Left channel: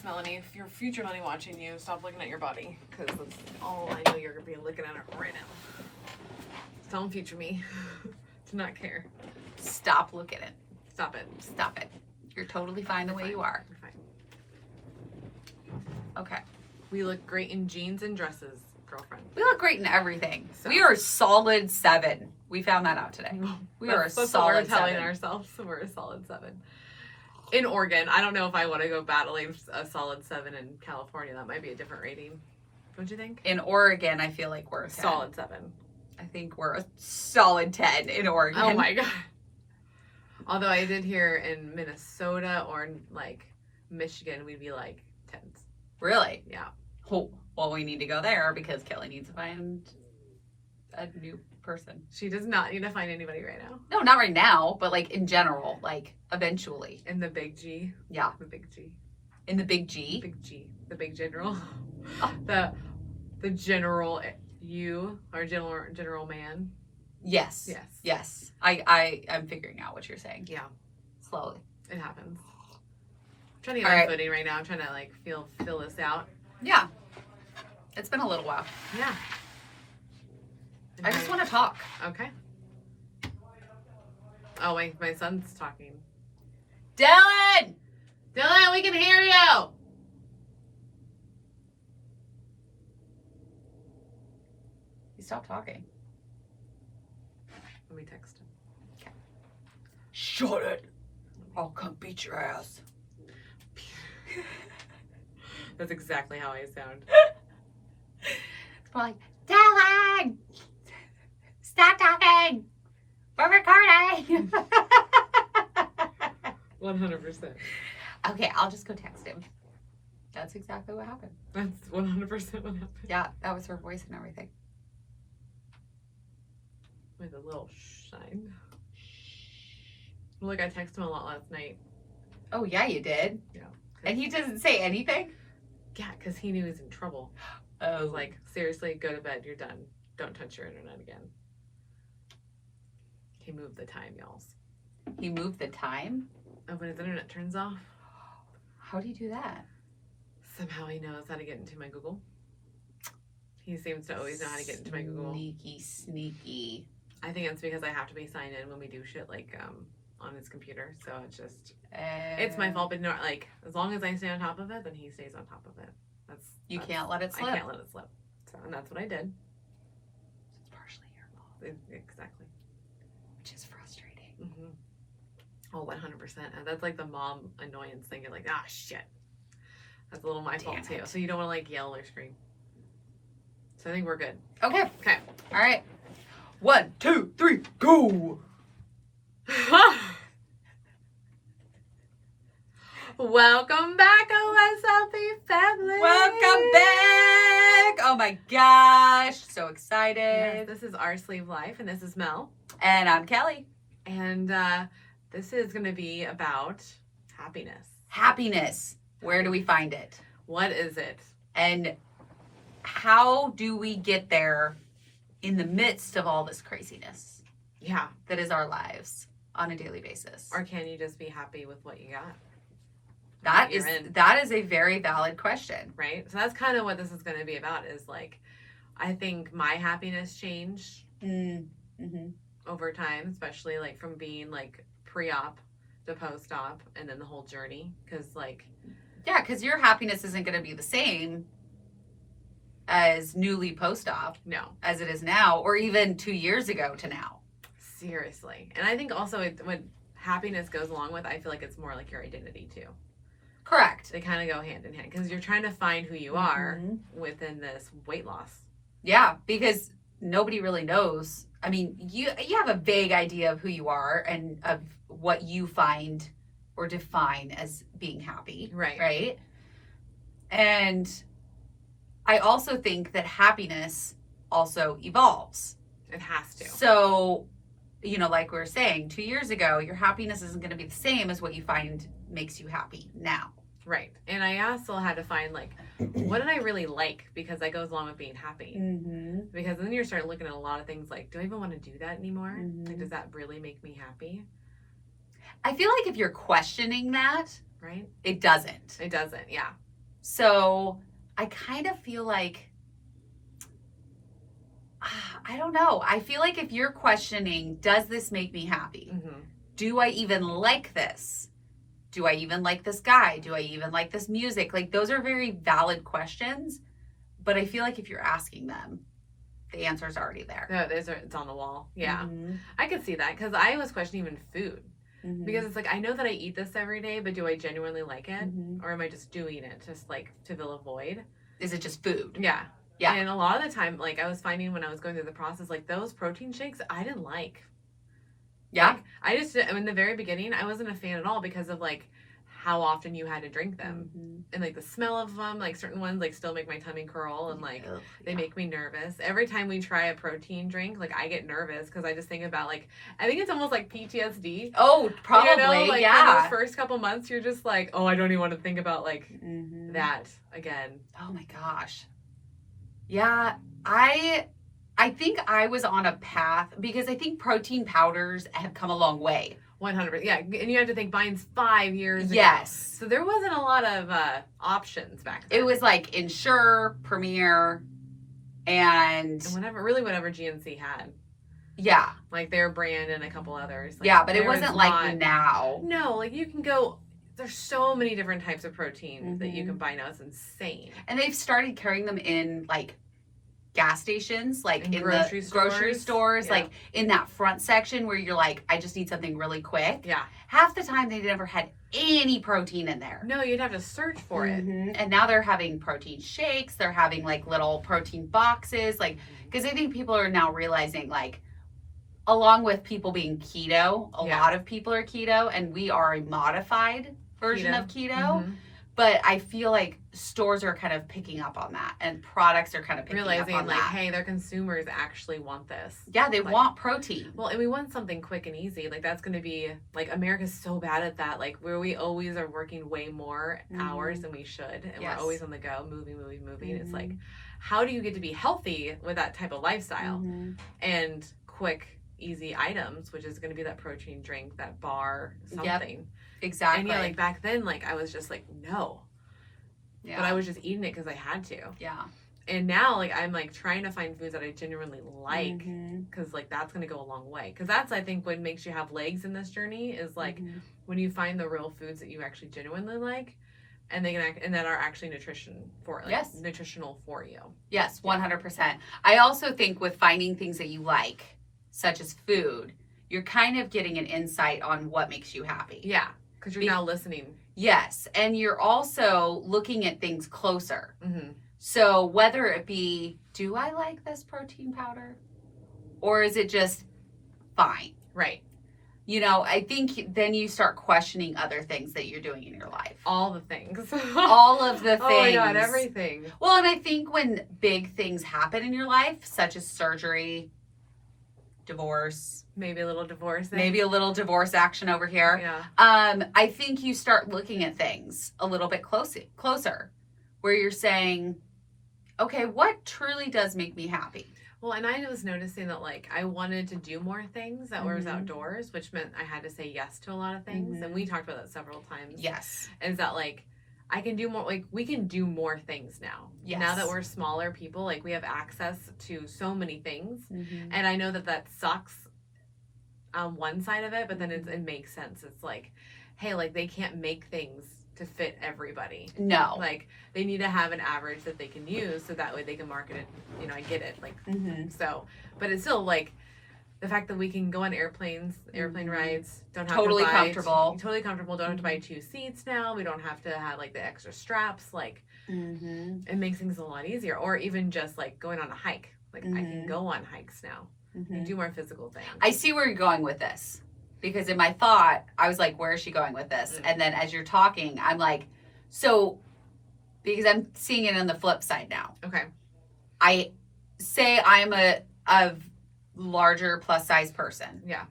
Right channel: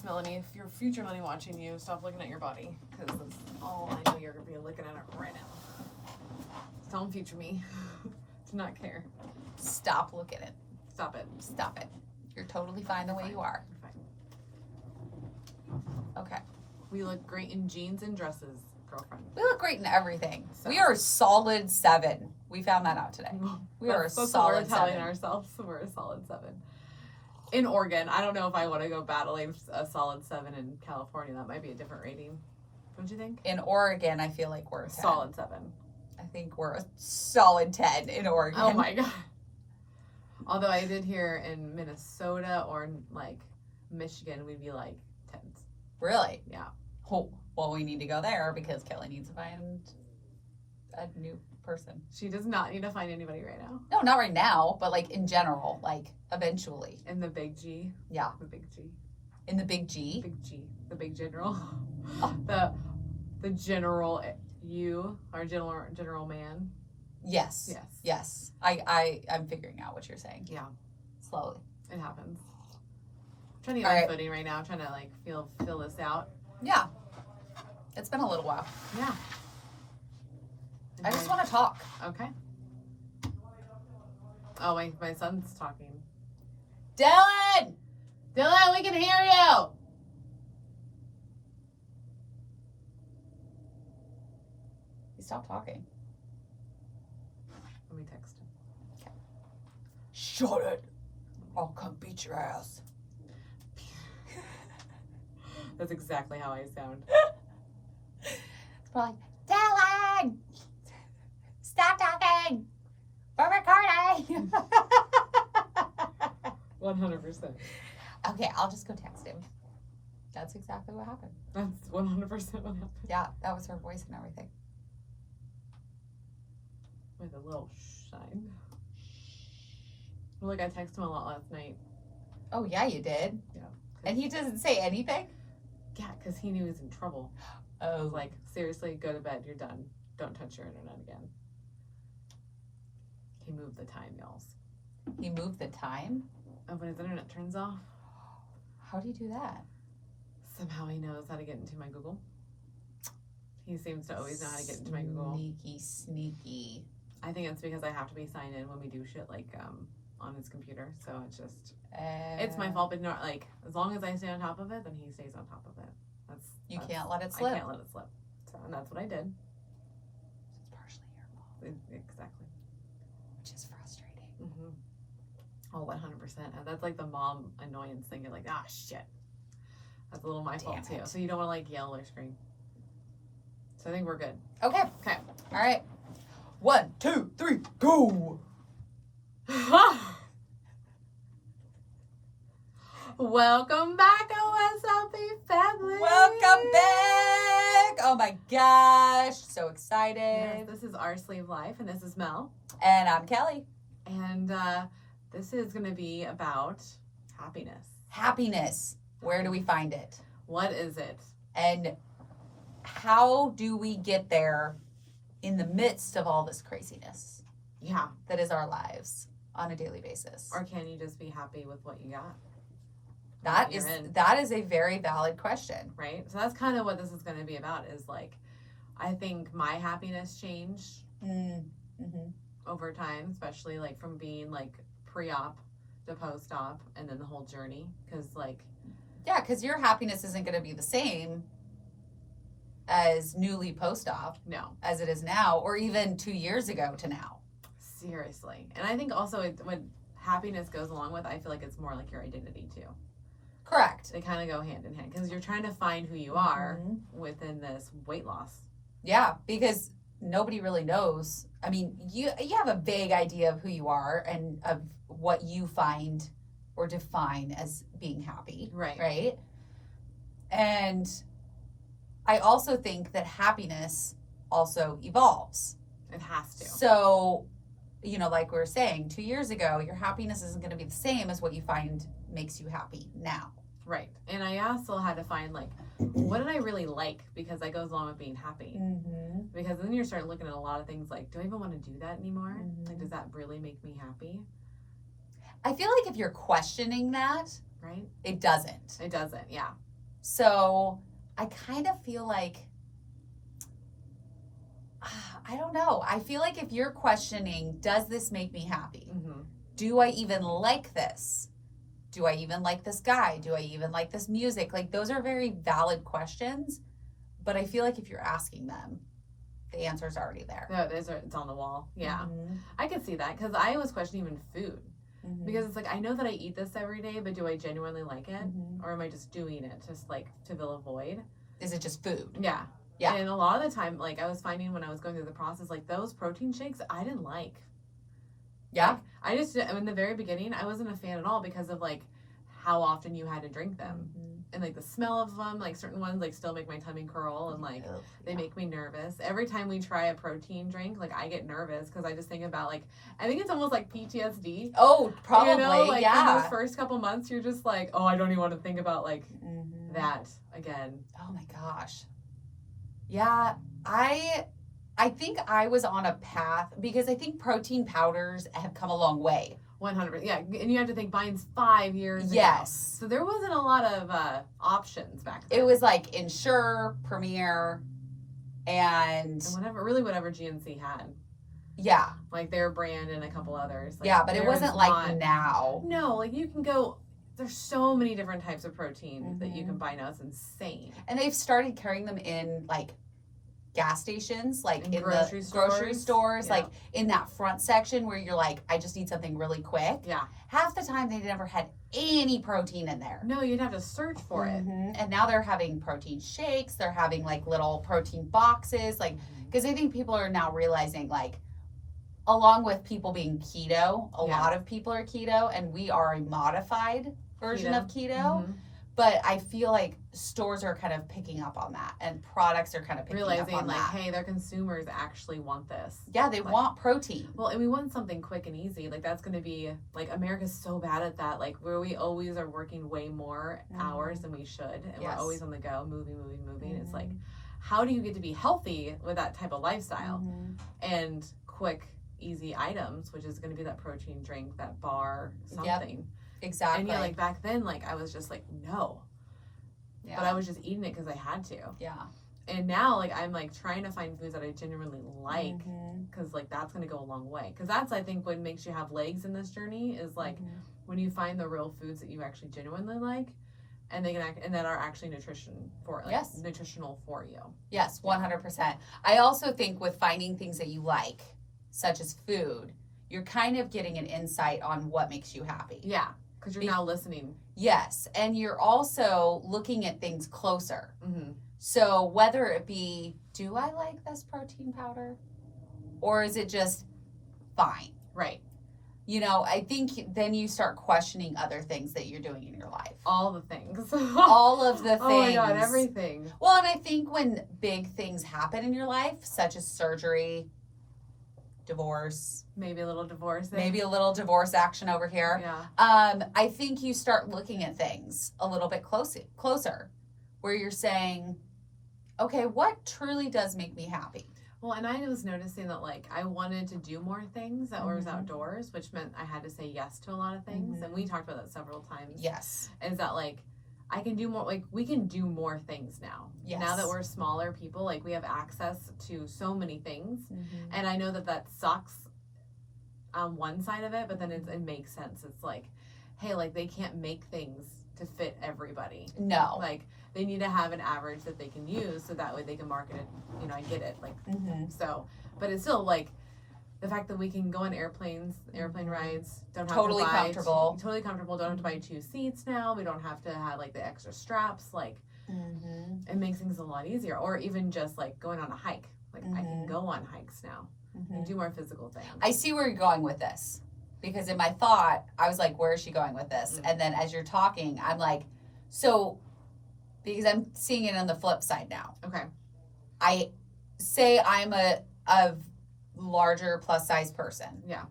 Yes, Melanie, if your future money watching you, stop looking at your body. Because that's all I know you're going to be looking at it right now. Tell them future me to not care. Stop looking at it. Stop it. Stop it. You're totally fine the way you are. You're fine. Okay. We look great in jeans and dresses, girlfriend. We look great in everything. So. We are a solid 7. We found that out today. We are a solid 7. We're telling ourselves we're a solid 7. In Oregon, I don't know if I want to go battling a solid 7 in California. That might be a different rating. Don't you think? In Oregon, I feel like we're a 10. Solid 7. I think we're a solid 10 in Oregon. Oh my god. Although I did hear in Minnesota or like Michigan, we'd be like 10s. Really? Yeah. Oh, well, we need to go there because Kelly needs to find a new person. She does not need to find anybody right now. No, not right now, but like in general, like eventually. In the big G. Yeah. The big G. In the big G? Big G. The big general. Oh. The general you, our general man. Yes. Yes. Yes. I'm figuring out what you're saying. Yeah. Slowly. It happens. I'm trying to get my footing right now. I'm trying to like feel this out. Yeah. It's been a little while. Yeah. I just want to talk. Okay. Oh, my son's talking. Dylan! Dylan, we can hear you! He stopped talking. Let me text him. Okay. Shut it! I'll come beat your ass. That's exactly how I sound. It's more like, Dylan! Stop talking! We're recording! 100%. Okay, I'll just go text him. That's exactly what happened. That's 100% what happened. Yeah, that was her voice and everything. With a little sign. Well, look, I texted him a lot last night. Oh, yeah, you did? Yeah. And he doesn't say anything? Yeah, because he knew he was in trouble. I Oh. was like, seriously, go to bed. You're done. Don't touch your internet again. He moved the time, y'all. He moved the time? Oh, when his internet turns off, How do you do that? somehow he knows how to get into my Google. He seems to always know how to get into my Google. Sneaky. I think it's because I have to be signed in when we do shit like on his computer. So it's just it's my fault, but not like as long as I stay on top of it, then he stays on top of it. You can't let it slip. I can't let it slip. So, and that's what I did. It's partially your fault. Exactly. Which is frustrating. Mm-hmm. Oh, 100%. And that's like the mom annoyance thing. You're like, ah, shit. That's a little my fault too. So you don't want to like yell or scream. So I think we're good. Okay. Okay. All right. 1, 2, 3, go! Welcome back, OSLP family. Welcome back! Oh my gosh. So excited. Yes, this is Our Sleeve Life, and this is Mel. And I'm Kelly. And this is going to be about happiness. Happiness. Where do we find it? What is it? And how do we get there in the midst of all this craziness Yeah. that is our lives on a daily basis? Or can you just be happy with what you got? That You're in. is a very valid question. Right? So that's kind of what this is going to be about is like, I think my happiness changed Mm-hmm. over time, especially like from being like pre-op to post-op and then the whole journey. Because like, Yeah, because your happiness isn't going to be the same as newly post-op no, as it is now, or even 2 years ago to now. seriously. And I think also when happiness goes along with, I feel like it's more like your identity too. Correct. They kind of go hand in hand because you're trying to find who you are Mhm. within this weight loss. Yeah, because nobody really knows. I mean, you have a vague idea of who you are and of what you find or define as being happy. Right. Right? And I also think that happiness also evolves. It has to. So, you know, like we were saying, 2 years ago, your happiness isn't going to be the same as what you find makes you happy now. Right. And I also had to find like, what did I really like? Because that goes along with being happy. Mm-hmm. Because then you start looking at a lot of things like, do I even want to do that anymore? Mhm. Like, does that really make me happy? I feel like if you're questioning that, Right? it doesn't. It doesn't. Yeah. So I kind of feel like, I don't know. I feel like if you're questioning, does this make me happy? Mm-hmm. Do I even like this? Do I even like this guy? Do I even like this music? Like, those are very valid questions. But I feel like if you're asking them, the answer is already there. No, it's on the wall. Yeah. Mm-hmm. I could see that because I was questioning even food. Mm-hmm. Because it's like, I know that I eat this every day, but do I genuinely like it? Mm-hmm. Or am I just doing it just like to fill a void? Is it just food? Yeah. Yeah. And a lot of the time, like I was finding when I was going through the process, like those protein shakes, I didn't like. Yeah. Like, in the very beginning, I wasn't a fan at all because of like how often you had to drink them. Mm-hmm. And like the smell of them, like certain ones like still make my tummy curl and like Ugh, they make me nervous. Every time we try a protein drink, like I get nervous because I just think about like, I think it's almost like PTSD. Oh, probably. You know, like yeah. in those first couple months, you're just like, oh, I don't even want to think about like Mm-hmm. that again. Oh my gosh. Yeah, I think I was on a path because I think protein powders have come a long way. 100%. Yeah, and you have to think mine's 5 years ago. Yes. So there wasn't a lot of options back then. It was like Ensure, Premier, and And whatever GNC had. yeah. Like their brand and a couple others. Like, Yeah, but it there was wasn't like not- now. No, like you can go, there's so many different types of proteins that you Mhm. can buy now. It's insane. And they've started carrying them in like gas stations, like In in grocery the grocery stores. stores, Yeah. like in that front section where you're like, I just need something really quick. Yeah. Half the time they never had any protein in there. No, you'd have to search for it. Mhm. And now they're having protein shakes. They're having like little protein boxes, like because I think people are now realizing like, along with people being keto, a Yeah. lot of people are keto, and we are a modified version of keto. Mhm. But I feel like stores are kind of picking up on that, and products are kind of picking Realizing up on like, that. hey, their consumers actually want this. Yeah, they like- want protein. Well, and we want something quick and easy. Like that's going to be like America's so bad at that. Like where we always are working way more hours than we should, and Yes. we're always on the go, moving. It's like, Mhm. how do you get to be healthy with that type of lifestyle Mhm. and quick, easy items, which is going to be that protein drink, that bar, Yep. something. Exactly. And yeah, like back then, like I was just like no, yeah. but I was just eating it because I had to. yeah. And now, like I'm like trying to find foods that I genuinely like. Mhm. Because like that's gonna go a long way. Because that's I think what makes you have legs in this journey is like Mhm. when you find the real foods that you actually genuinely like, and they can and that are actually nutritional for you. Yes, 100%. I also think with finding things that you like, such as food, you're kind of getting an insight on what makes you happy. Yeah, because you're Be- now listening. Yes, and you're also looking at things closer. Mm-hmm. So whether it be, do I like this protein powder? Or is it just fine? Right. You know, I think then you start questioning other things that you're doing in your life. All the things. All of the things. Oh my god, everything. Well, and I think when big things happen in your life, such as surgery, divorce, Maybe a little divorce. maybe a little divorce action over here, Yeah. I think you start looking at things a little bit closer, where you're saying, okay, what truly does make me happy? Well, and I was noticing that like I wanted to do more things that was Mhm. outdoors, which meant I had to say yes to a lot of things. Mhm. And we talked about that several times. Yes. Is that like I can do more, like we can do more things now. Yes. Now that we're smaller people, like we have access to so many things. Mm-hmm. And I know that that sucks on one side of it, but then it makes sense. It's like, hey, like they can't make things to fit everybody. No. Like they need to have an average that they can use so that way they can market it. You know, I get it. Like, Mm-hmm. so, but it's still like the fact that we can go on airplane rides, don't have Totally to buy comfortable. totally comfortable. Don't have to buy 2 seats now. We don't have to have like the extra straps. Like Mm-hmm. it makes things a lot easier. Or even just like going on a hike. Like I can Mhm. go on hikes now and do more physical things. I see where you're going with this, because in my thought, I was like, where is she going with this? Mm. And then as you're talking, I'm like, so, because I'm seeing it on the flip side now. Okay. I say I'm a larger plus size person. Yeah.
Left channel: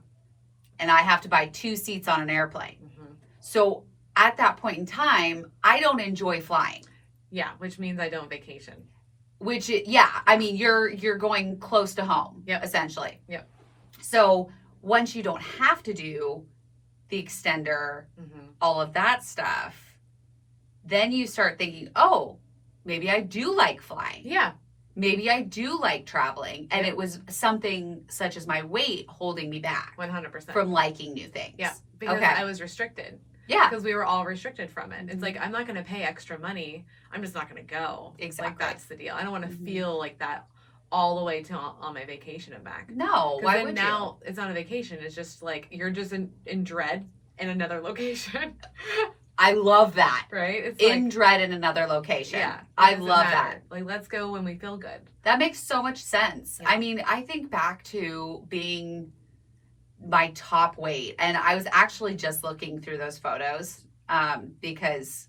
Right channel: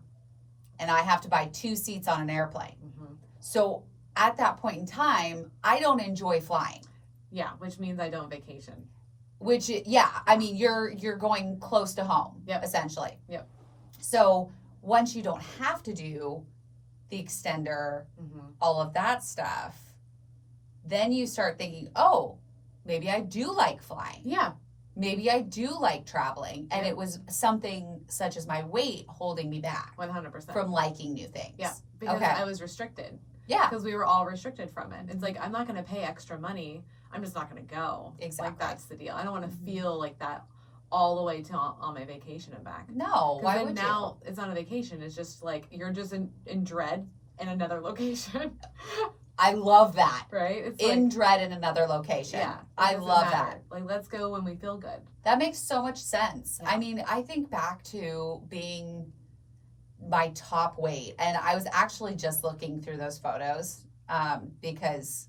And I have to buy 2 seats on an airplane. Hmm. So at that point in time, I don't enjoy flying. Yeah, which means I don't vacation. Which, yeah, I mean, you're going close to home, Yep. essentially. Yep. So once you don't have to do the extender, Hmm. all of that stuff, then you start thinking, oh, maybe I do like flying. Yeah. Maybe I do like traveling. And Yeah. it was something such as my weight holding me back 100%. from liking new things. Yeah. Because Okay. I was restricted. Yeah. Because we were all restricted from it. It's like, I'm not going to pay extra money. I'm just not going to go. Exactly. Like, that's the deal. I don't want to feel like that all the way to on my vacation and back. No, why would now it's not a vacation. It's just like, you're just in dread in another location. I love that. Right? It's In like, dread in another location. yeah. I doesn't love matter. that. Like, let's go when we feel good. That makes so much sense. Yeah. I mean, I think back to being my top weight, and I was actually just looking through those photos because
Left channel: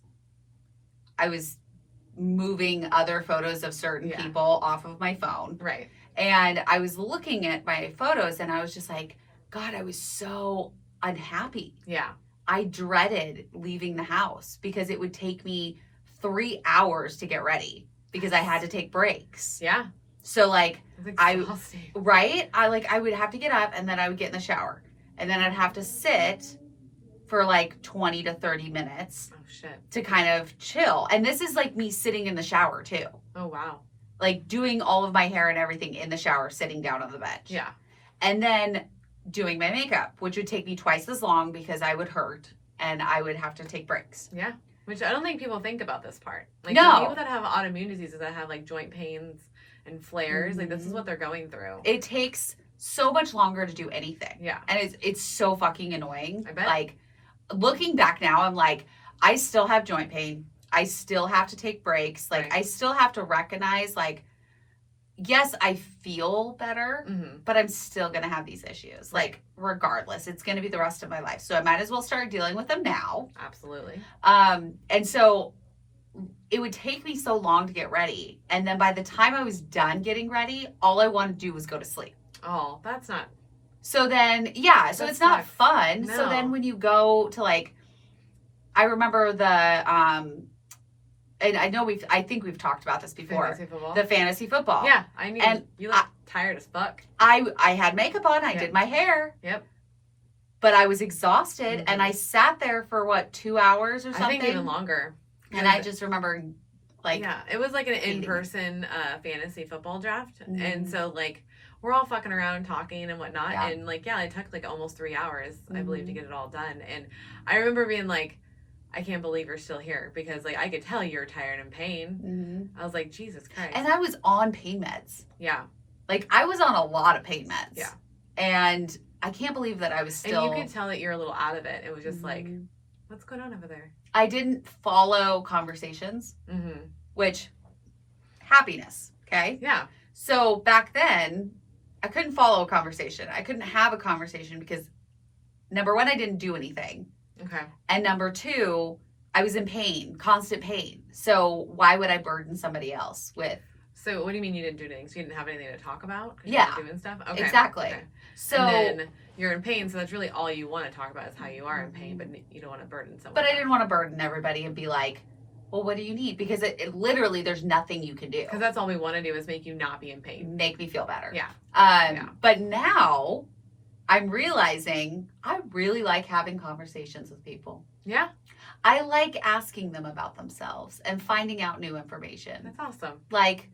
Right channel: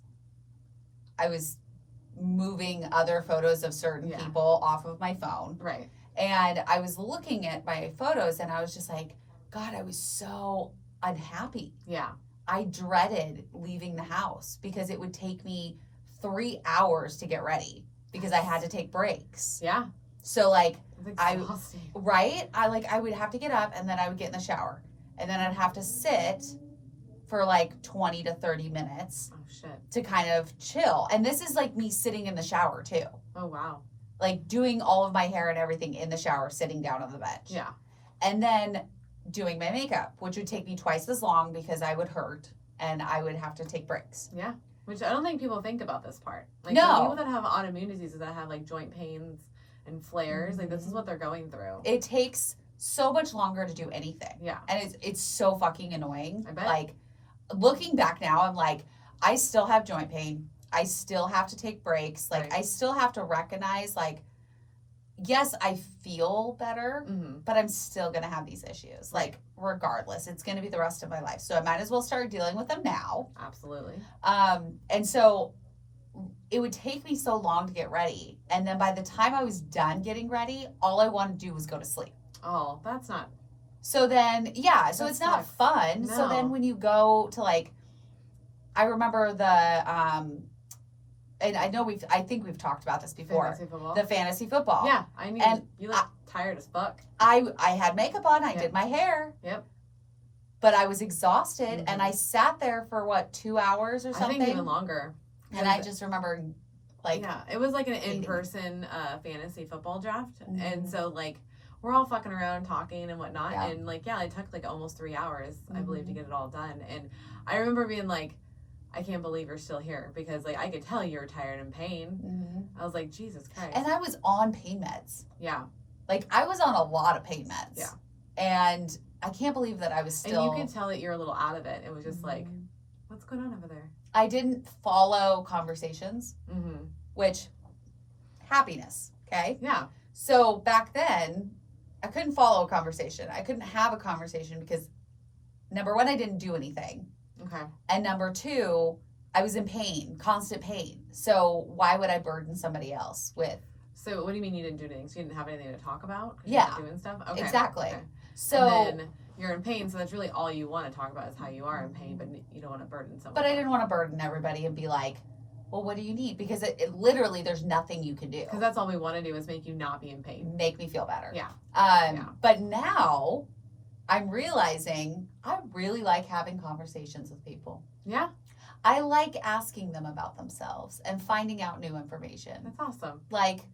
I was moving other photos of certain Yeah. people off of my phone. Right. And I was looking at my photos and I was just like, God, I was so unhappy. Yeah. I dreaded leaving the house because it would take me 3 hours to get ready because I had to take breaks. Yeah. So like, It's exhausting. right? I would have to get up and then I would get in the shower and then I'd have to sit for like 20 to 30 minutes Oh, shit. to kind of chill. And this is like me sitting in the shower too. Oh, wow. Like doing all of my hair and everything in the shower, sitting down on the bench. Yeah. And then doing my makeup, which would take me twice as long because I would hurt and I would have to take breaks. Yeah. Which I don't think people think about this part. Like, No. the people that have autoimmune diseases that have like joint pains and flares, like, this is what they're going through. It takes so much longer to do anything. Yeah. And it's so fucking annoying. I bet. Like, looking back now, I'm like, I still have joint pain. I still have to take breaks. Like, Right. I still have to recognize, like, yes, I feel better, Mm-hmm. but I'm still going to have these issues. Like, regardless, it's going to be the rest of my life. So I might as well start dealing with them now. Absolutely. And so it would take me so long to get ready. And then by the time I was done getting ready, all I wanted to do was go to sleep. Oh, that's not. So then, yeah, so That it's not sucks. fun. So No. then when you go to like, I remember and I think we've talked about this before, Fantasy football. the fantasy football. Yeah. I mean, And you look tired as fuck. I had makeup on, I Yeah. did my hair. Yep. But I was exhausted Mhm. and I sat there for what, 2 hours or something? I think even longer. And I just remember like, yeah, it was like an hating it. in-person fantasy football draft, Mhm. and so like we're all fucking around talking and whatnot, Yeah. and like it took like almost 3 hours, I believe, to Mhm. get it all done. And I remember being like, I can't believe you're still here, because like I could tell you're tired and pain. mhm. I was like, Jesus Christ. And I was on pain meds. Yeah, Like I was on a lot of pain meds. Yeah. And I can't believe that I was still. and you could tell that you're a little out of it. It was just like, Mhm. what's going on over there? I didn't follow conversations, Mm-hmm. which happiness. Okay. Yeah, So back then, I couldn't follow a conversation. I couldn't have a conversation because number one, I didn't do anything. okay. And number two, I was in pain, constant pain. So why would I burden somebody else with? So what do you mean you didn't do anything? So you didn't have anything to talk about? 'Cause Yeah. you were doing stuff? Okay. Exactly. Okay. So, And then you're in pain, so that's really all you want to talk about is how you are in pain, but you don't want to burden someone. but I didn't want to burden everybody and be like, well, what do you need? Because it literally, there's nothing you can do. Because that's all we want to do is make you not be in pain. Make me feel better. Yeah. Yeah. But now I'm realizing I really like having conversations with people. Yeah, I like asking them about themselves and finding out new information. that's awesome. Like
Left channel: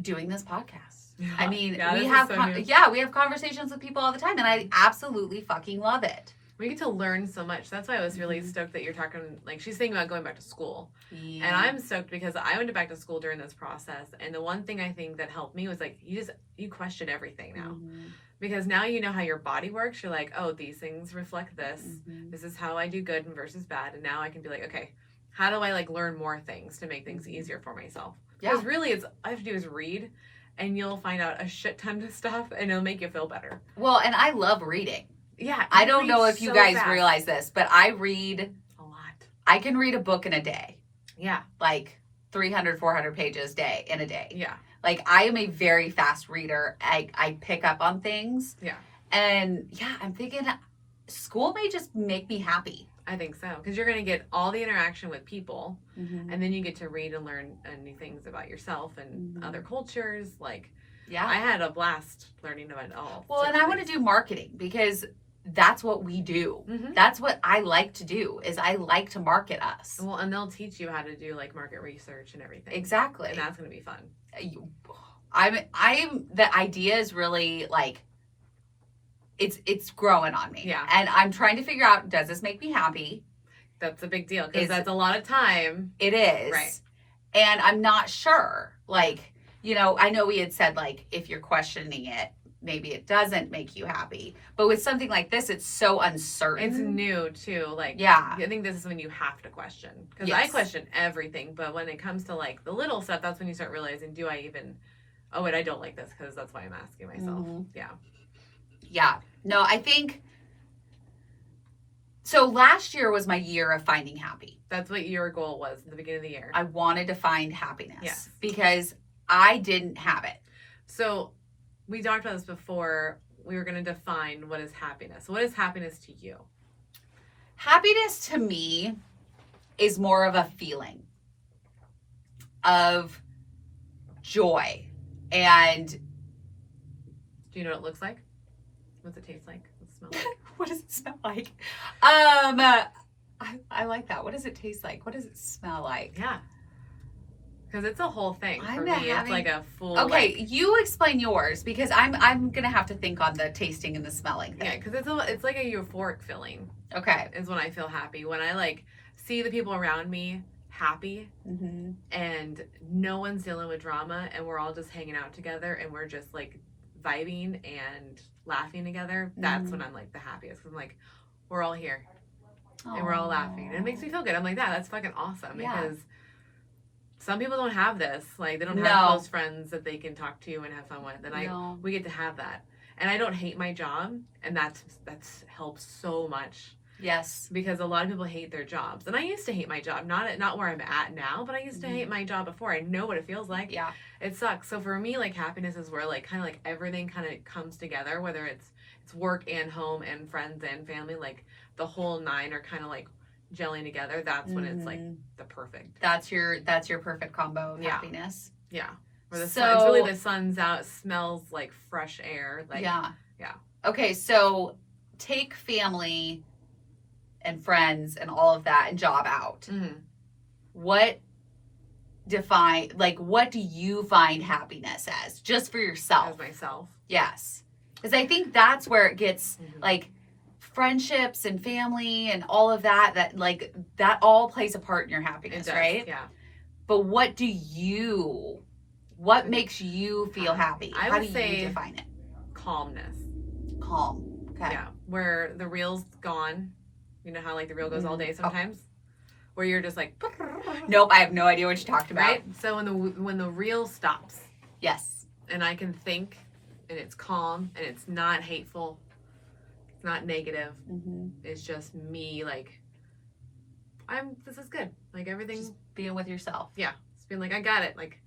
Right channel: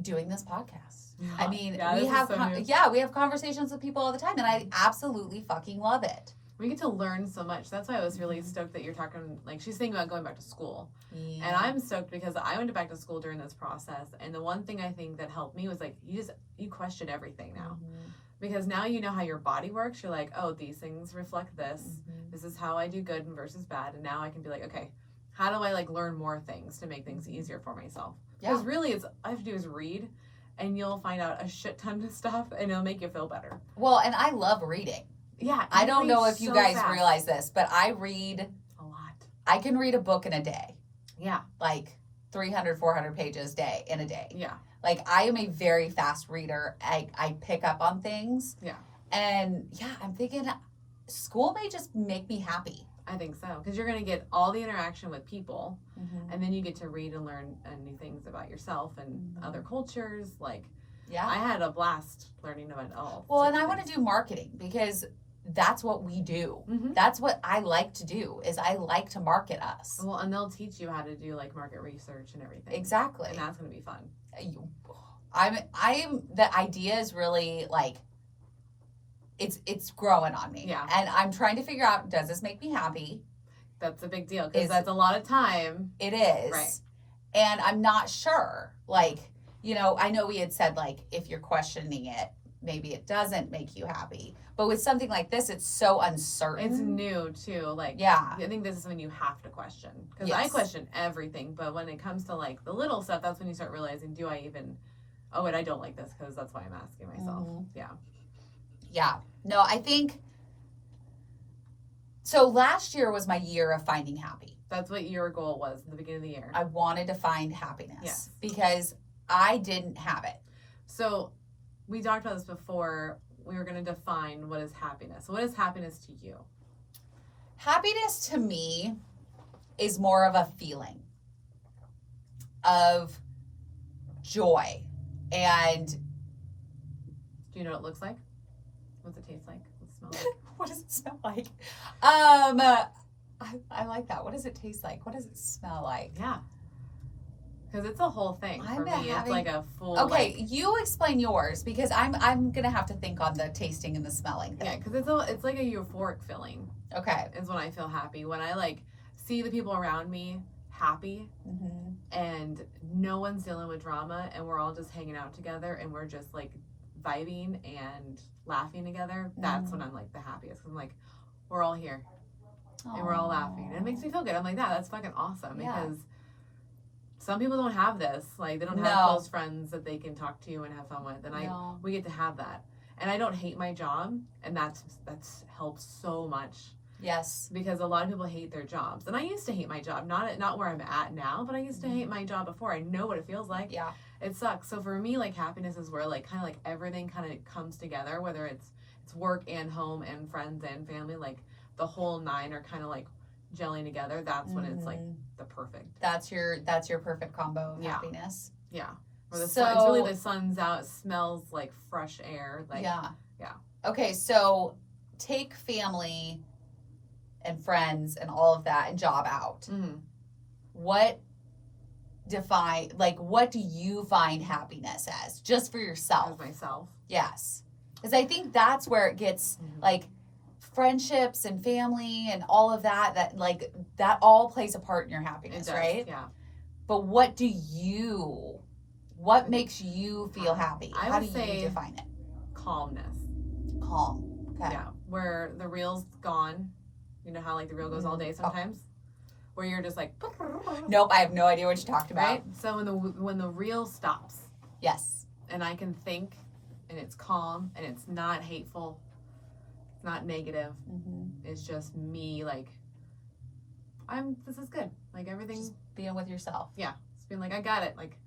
doing this podcast. Yeah. I mean, Yeah, we this is have so new. we have conversations with people all the time and I absolutely fucking love it. We get to learn so much. That's why I was really Mhm. stoked that you're talking, like, she's thinking about going back to school. And I'm stoked because I went back to school during this process. And the one thing I think that helped me was, like, you question everything now. Mhm. Because now you know how your body works. You're like, oh, these things reflect this. Mhm. This is how I do good versus bad. And now I can be like, okay, how do I, like, learn more things to make things easier for myself? Because Yeah. really, all I have to do is read, and you'll find out a shit ton of stuff, and it'll make you feel better. Well, and I love reading. Yeah. I you don't read know if you so guys fast. realize this, but I read, A lot. I can read a book in a day, Yeah. like 300, 400 pages in a day. Yeah. Like I am a very fast reader. I pick up on things. Yeah. And yeah, I'm thinking school may just make me happy. I think so. Because you're going to get all the interaction with people, and then you get to read and learn new things about yourself and Mhm. other cultures. Like, Yeah. I had a blast learning about it all. Well, and I want to do marketing because that's what we do. Mm-hmm. That's what I like to do, is I like to market us. Well, and they'll teach you how to do like market research and everything. Exactly. And that's going to be fun. I'm the idea is really like, it's growing on me. Yeah. And I'm trying to figure out, does this make me happy? That's a big deal because that's a lot of time. It is. Right. And I'm not sure. Like, you know, I know we had said, like, if you're questioning it, maybe it doesn't make you happy. But with something like this, it's so uncertain. It's new, too. Like, yeah. I think this is when you have to question. Because Yes. I question everything. But when it comes to, like, the little stuff, that's when you start realizing, do I even, oh, wait, I don't like this because that's why I'm asking myself. Mm-hmm. Yeah. Yeah. No, I think, so last year was my year of finding happy. That's what your goal was at the beginning of the year. I wanted to find happiness. Yes. Because I didn't have it. So we talked about this before. We were going to define what is happiness. What is happiness to you? Happiness to me is more of a feeling of joy. And Do you know what it looks like? What's it taste like? What's it smell like? what does it smell like? I like that. What does it taste like? What does it smell like? Yeah. Because it's a whole thing for I'm me. having- It's like a full. Okay, Like, you explain yours because I'm gonna have to think on the tasting and the smelling yeah, thing. because it's like a euphoric feeling. Okay. Is when I feel happy. When I like see the people around me happy Mm-hmm. and no one's dealing with drama and we're all just hanging out together and we're just like vibing and laughing together. That's when I'm like the happiest. 'Cause I'm like, we're all here and we're all laughing. And it makes me feel good. I'm like, that's fucking awesome Yeah. because some people don't have this. Like they don't No. have close friends that they can talk to and have fun with. And No. we get to have that. And I don't hate my job, and that's helped so much Yes. because a lot of people hate their jobs. And I used to hate my job, not where I'm at now, but I used to hate my job before. I know what it feels like. Yeah. It sucks. So for me, like happiness is where like kind of like everything kind of comes together, whether it's work and home and friends and family, like the whole nine are kind of like gelling together. That's when it's like the perfect. That's your perfect combo of Yeah. happiness. Yeah. Where the So- sun, it's really the sun's out, smells like fresh air. Like yeah. yeah. Okay, so take family and friends and all of that and job out. Mhm. What do you find happiness as, just for As yourself? myself. Yes. Because I think that's where it gets Mhm. like friendships and family and all of that like that all plays a part in your It happiness, does. right? Yeah. But what makes you feel happy? I How would do say- you define it? Calmness. Calm. Okay. Yeah. Where the reel's gone. You know how like the reel goes all day sometimes? Where you're just like Nope, I have no idea what you talked about. right? So when the reel stops Yes. and I can think and it's calm and it's not hateful, it's not negative, Mm-hmm. it's just me like this is good. Like everything's Just being with yourself. it's being like I got it. Like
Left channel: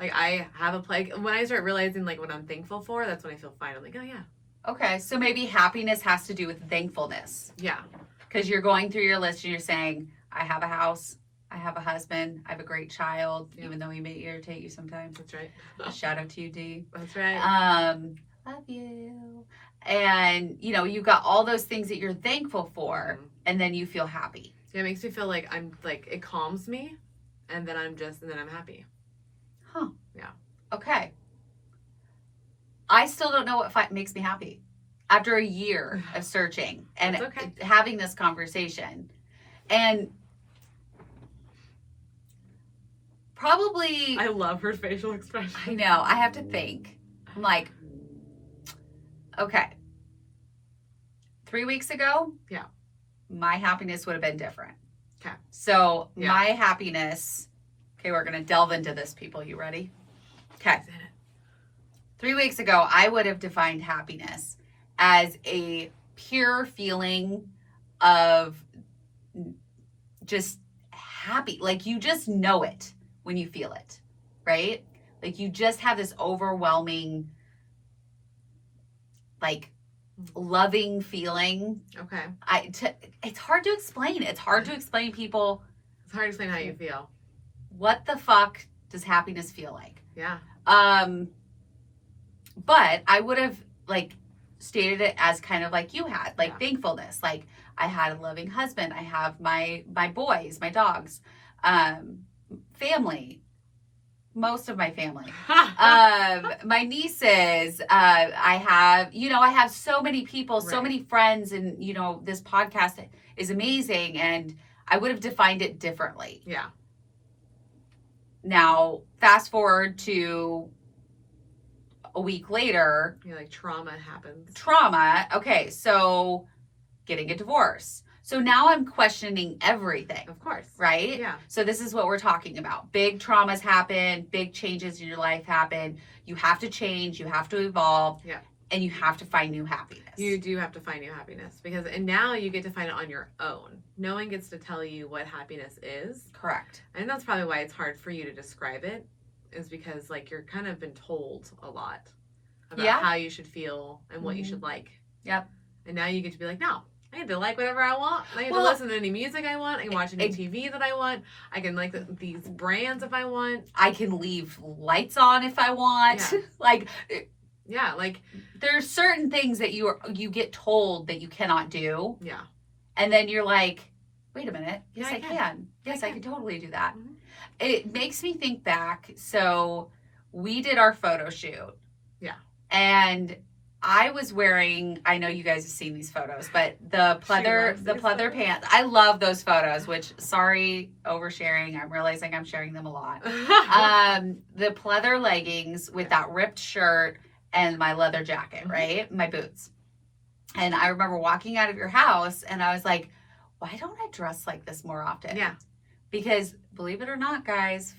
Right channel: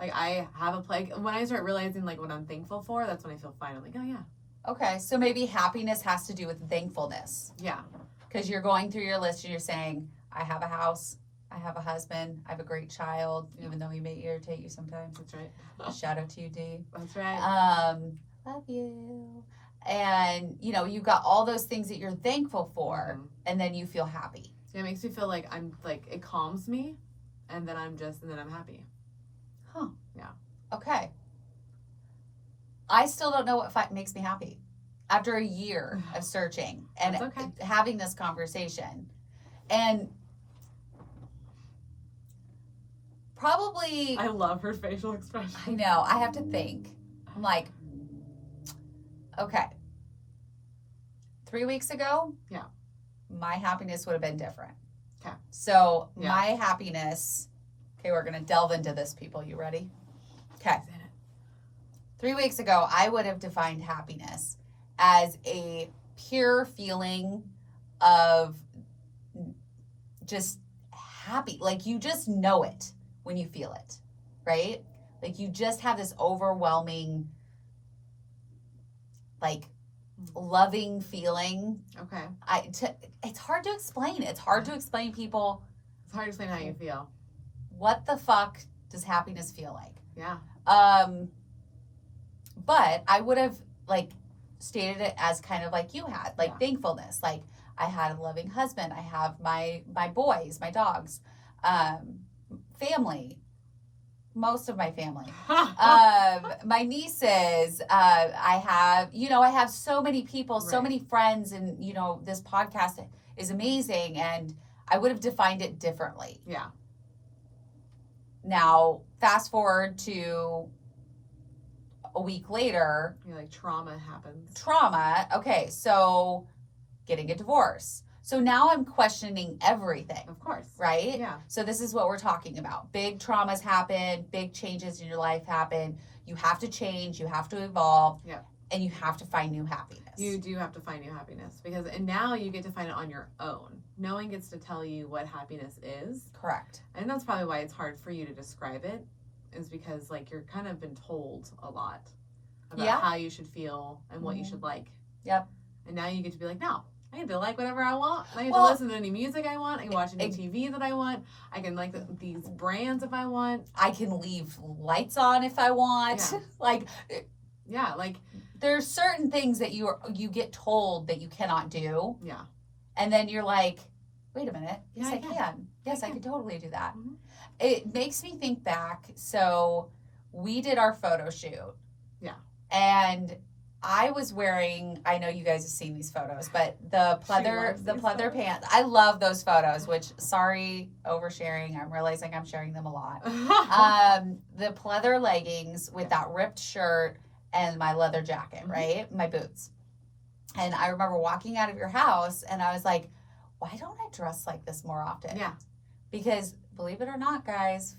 I have a plague. When I start realizing like what I'm thankful for, that's when I feel fine. I'm like, oh yeah. Okay, so maybe happiness has to do with thankfulness. Yeah. Because you're going through your list and you're saying, I have a house, I have a husband, I have a great child, Yeah. even though he may irritate you sometimes. That's right. Shout out to you, D. That's right. Love you. And, you know, you've got all those things that you're thankful for, Mhm. and then you feel happy. Yeah, it makes me feel like I'm like it calms me and then I'm happy. Okay. I still don't know what makes me happy. After a year of searching and That's okay. having this conversation. And probably, I love her facial expression. I know, I have to think. I'm like, okay. 3 weeks ago, Yeah. my happiness would have been different. Okay. So Yeah. my happiness, okay, we're going to delve into this, people. You ready? Okay. 3 weeks ago, I would have defined happiness as a pure feeling of just happy. Like you just know it when you feel it, right? Like you just have this overwhelming, like loving feeling. Okay. It's hard to explain. It's hard to explain, people. It's hard to explain how you feel. What the fuck does happiness feel like? Yeah. But I would have like stated it as kind of like you had, like thankfulness. Like I had a loving husband. I have my boys, my dogs, family, most of my family, my nieces. I have so many people, so many friends, and this podcast is amazing. And I would have defined it differently. Yeah. Now, fast forward to a week later. You're like, trauma happens. Trauma. Okay, so getting a divorce. So now I'm questioning everything. Of course. Right? Yeah. So this is what we're talking about. Big traumas happen. Big changes in your life happen. You have to change. You have to evolve. Yeah. And you have to find new happiness. You do have to find new happiness and now you get to find it on your own. No one gets to tell you what happiness is. Correct. And that's probably why it's hard for you to describe it, is because like you're kind of been told a lot about how you should feel and what you should like. Yep. And now you get to be like, no, I get to like whatever I want. I get to listen to any music I want. I can watch any TV that I want. I can like these brands if I want. I can leave lights on if I want. Yeah. like there's certain things that you get told that you cannot do. Yeah. And then you're like, wait a minute. Yes, Yeah, I can. Yes, I can totally do that. Mm-hmm. It makes me think back. So we did our photo shoot. Yeah. And I was wearing, I know you guys have seen these photos, but the pleather pants. I love those photos, which, sorry, oversharing. I'm realizing I'm sharing them a lot. The pleather leggings with that ripped shirt and my leather jacket, right? My boots. And I remember walking out of your house and I was like, why don't I dress like this more often? Yeah. Because believe it or not, guys,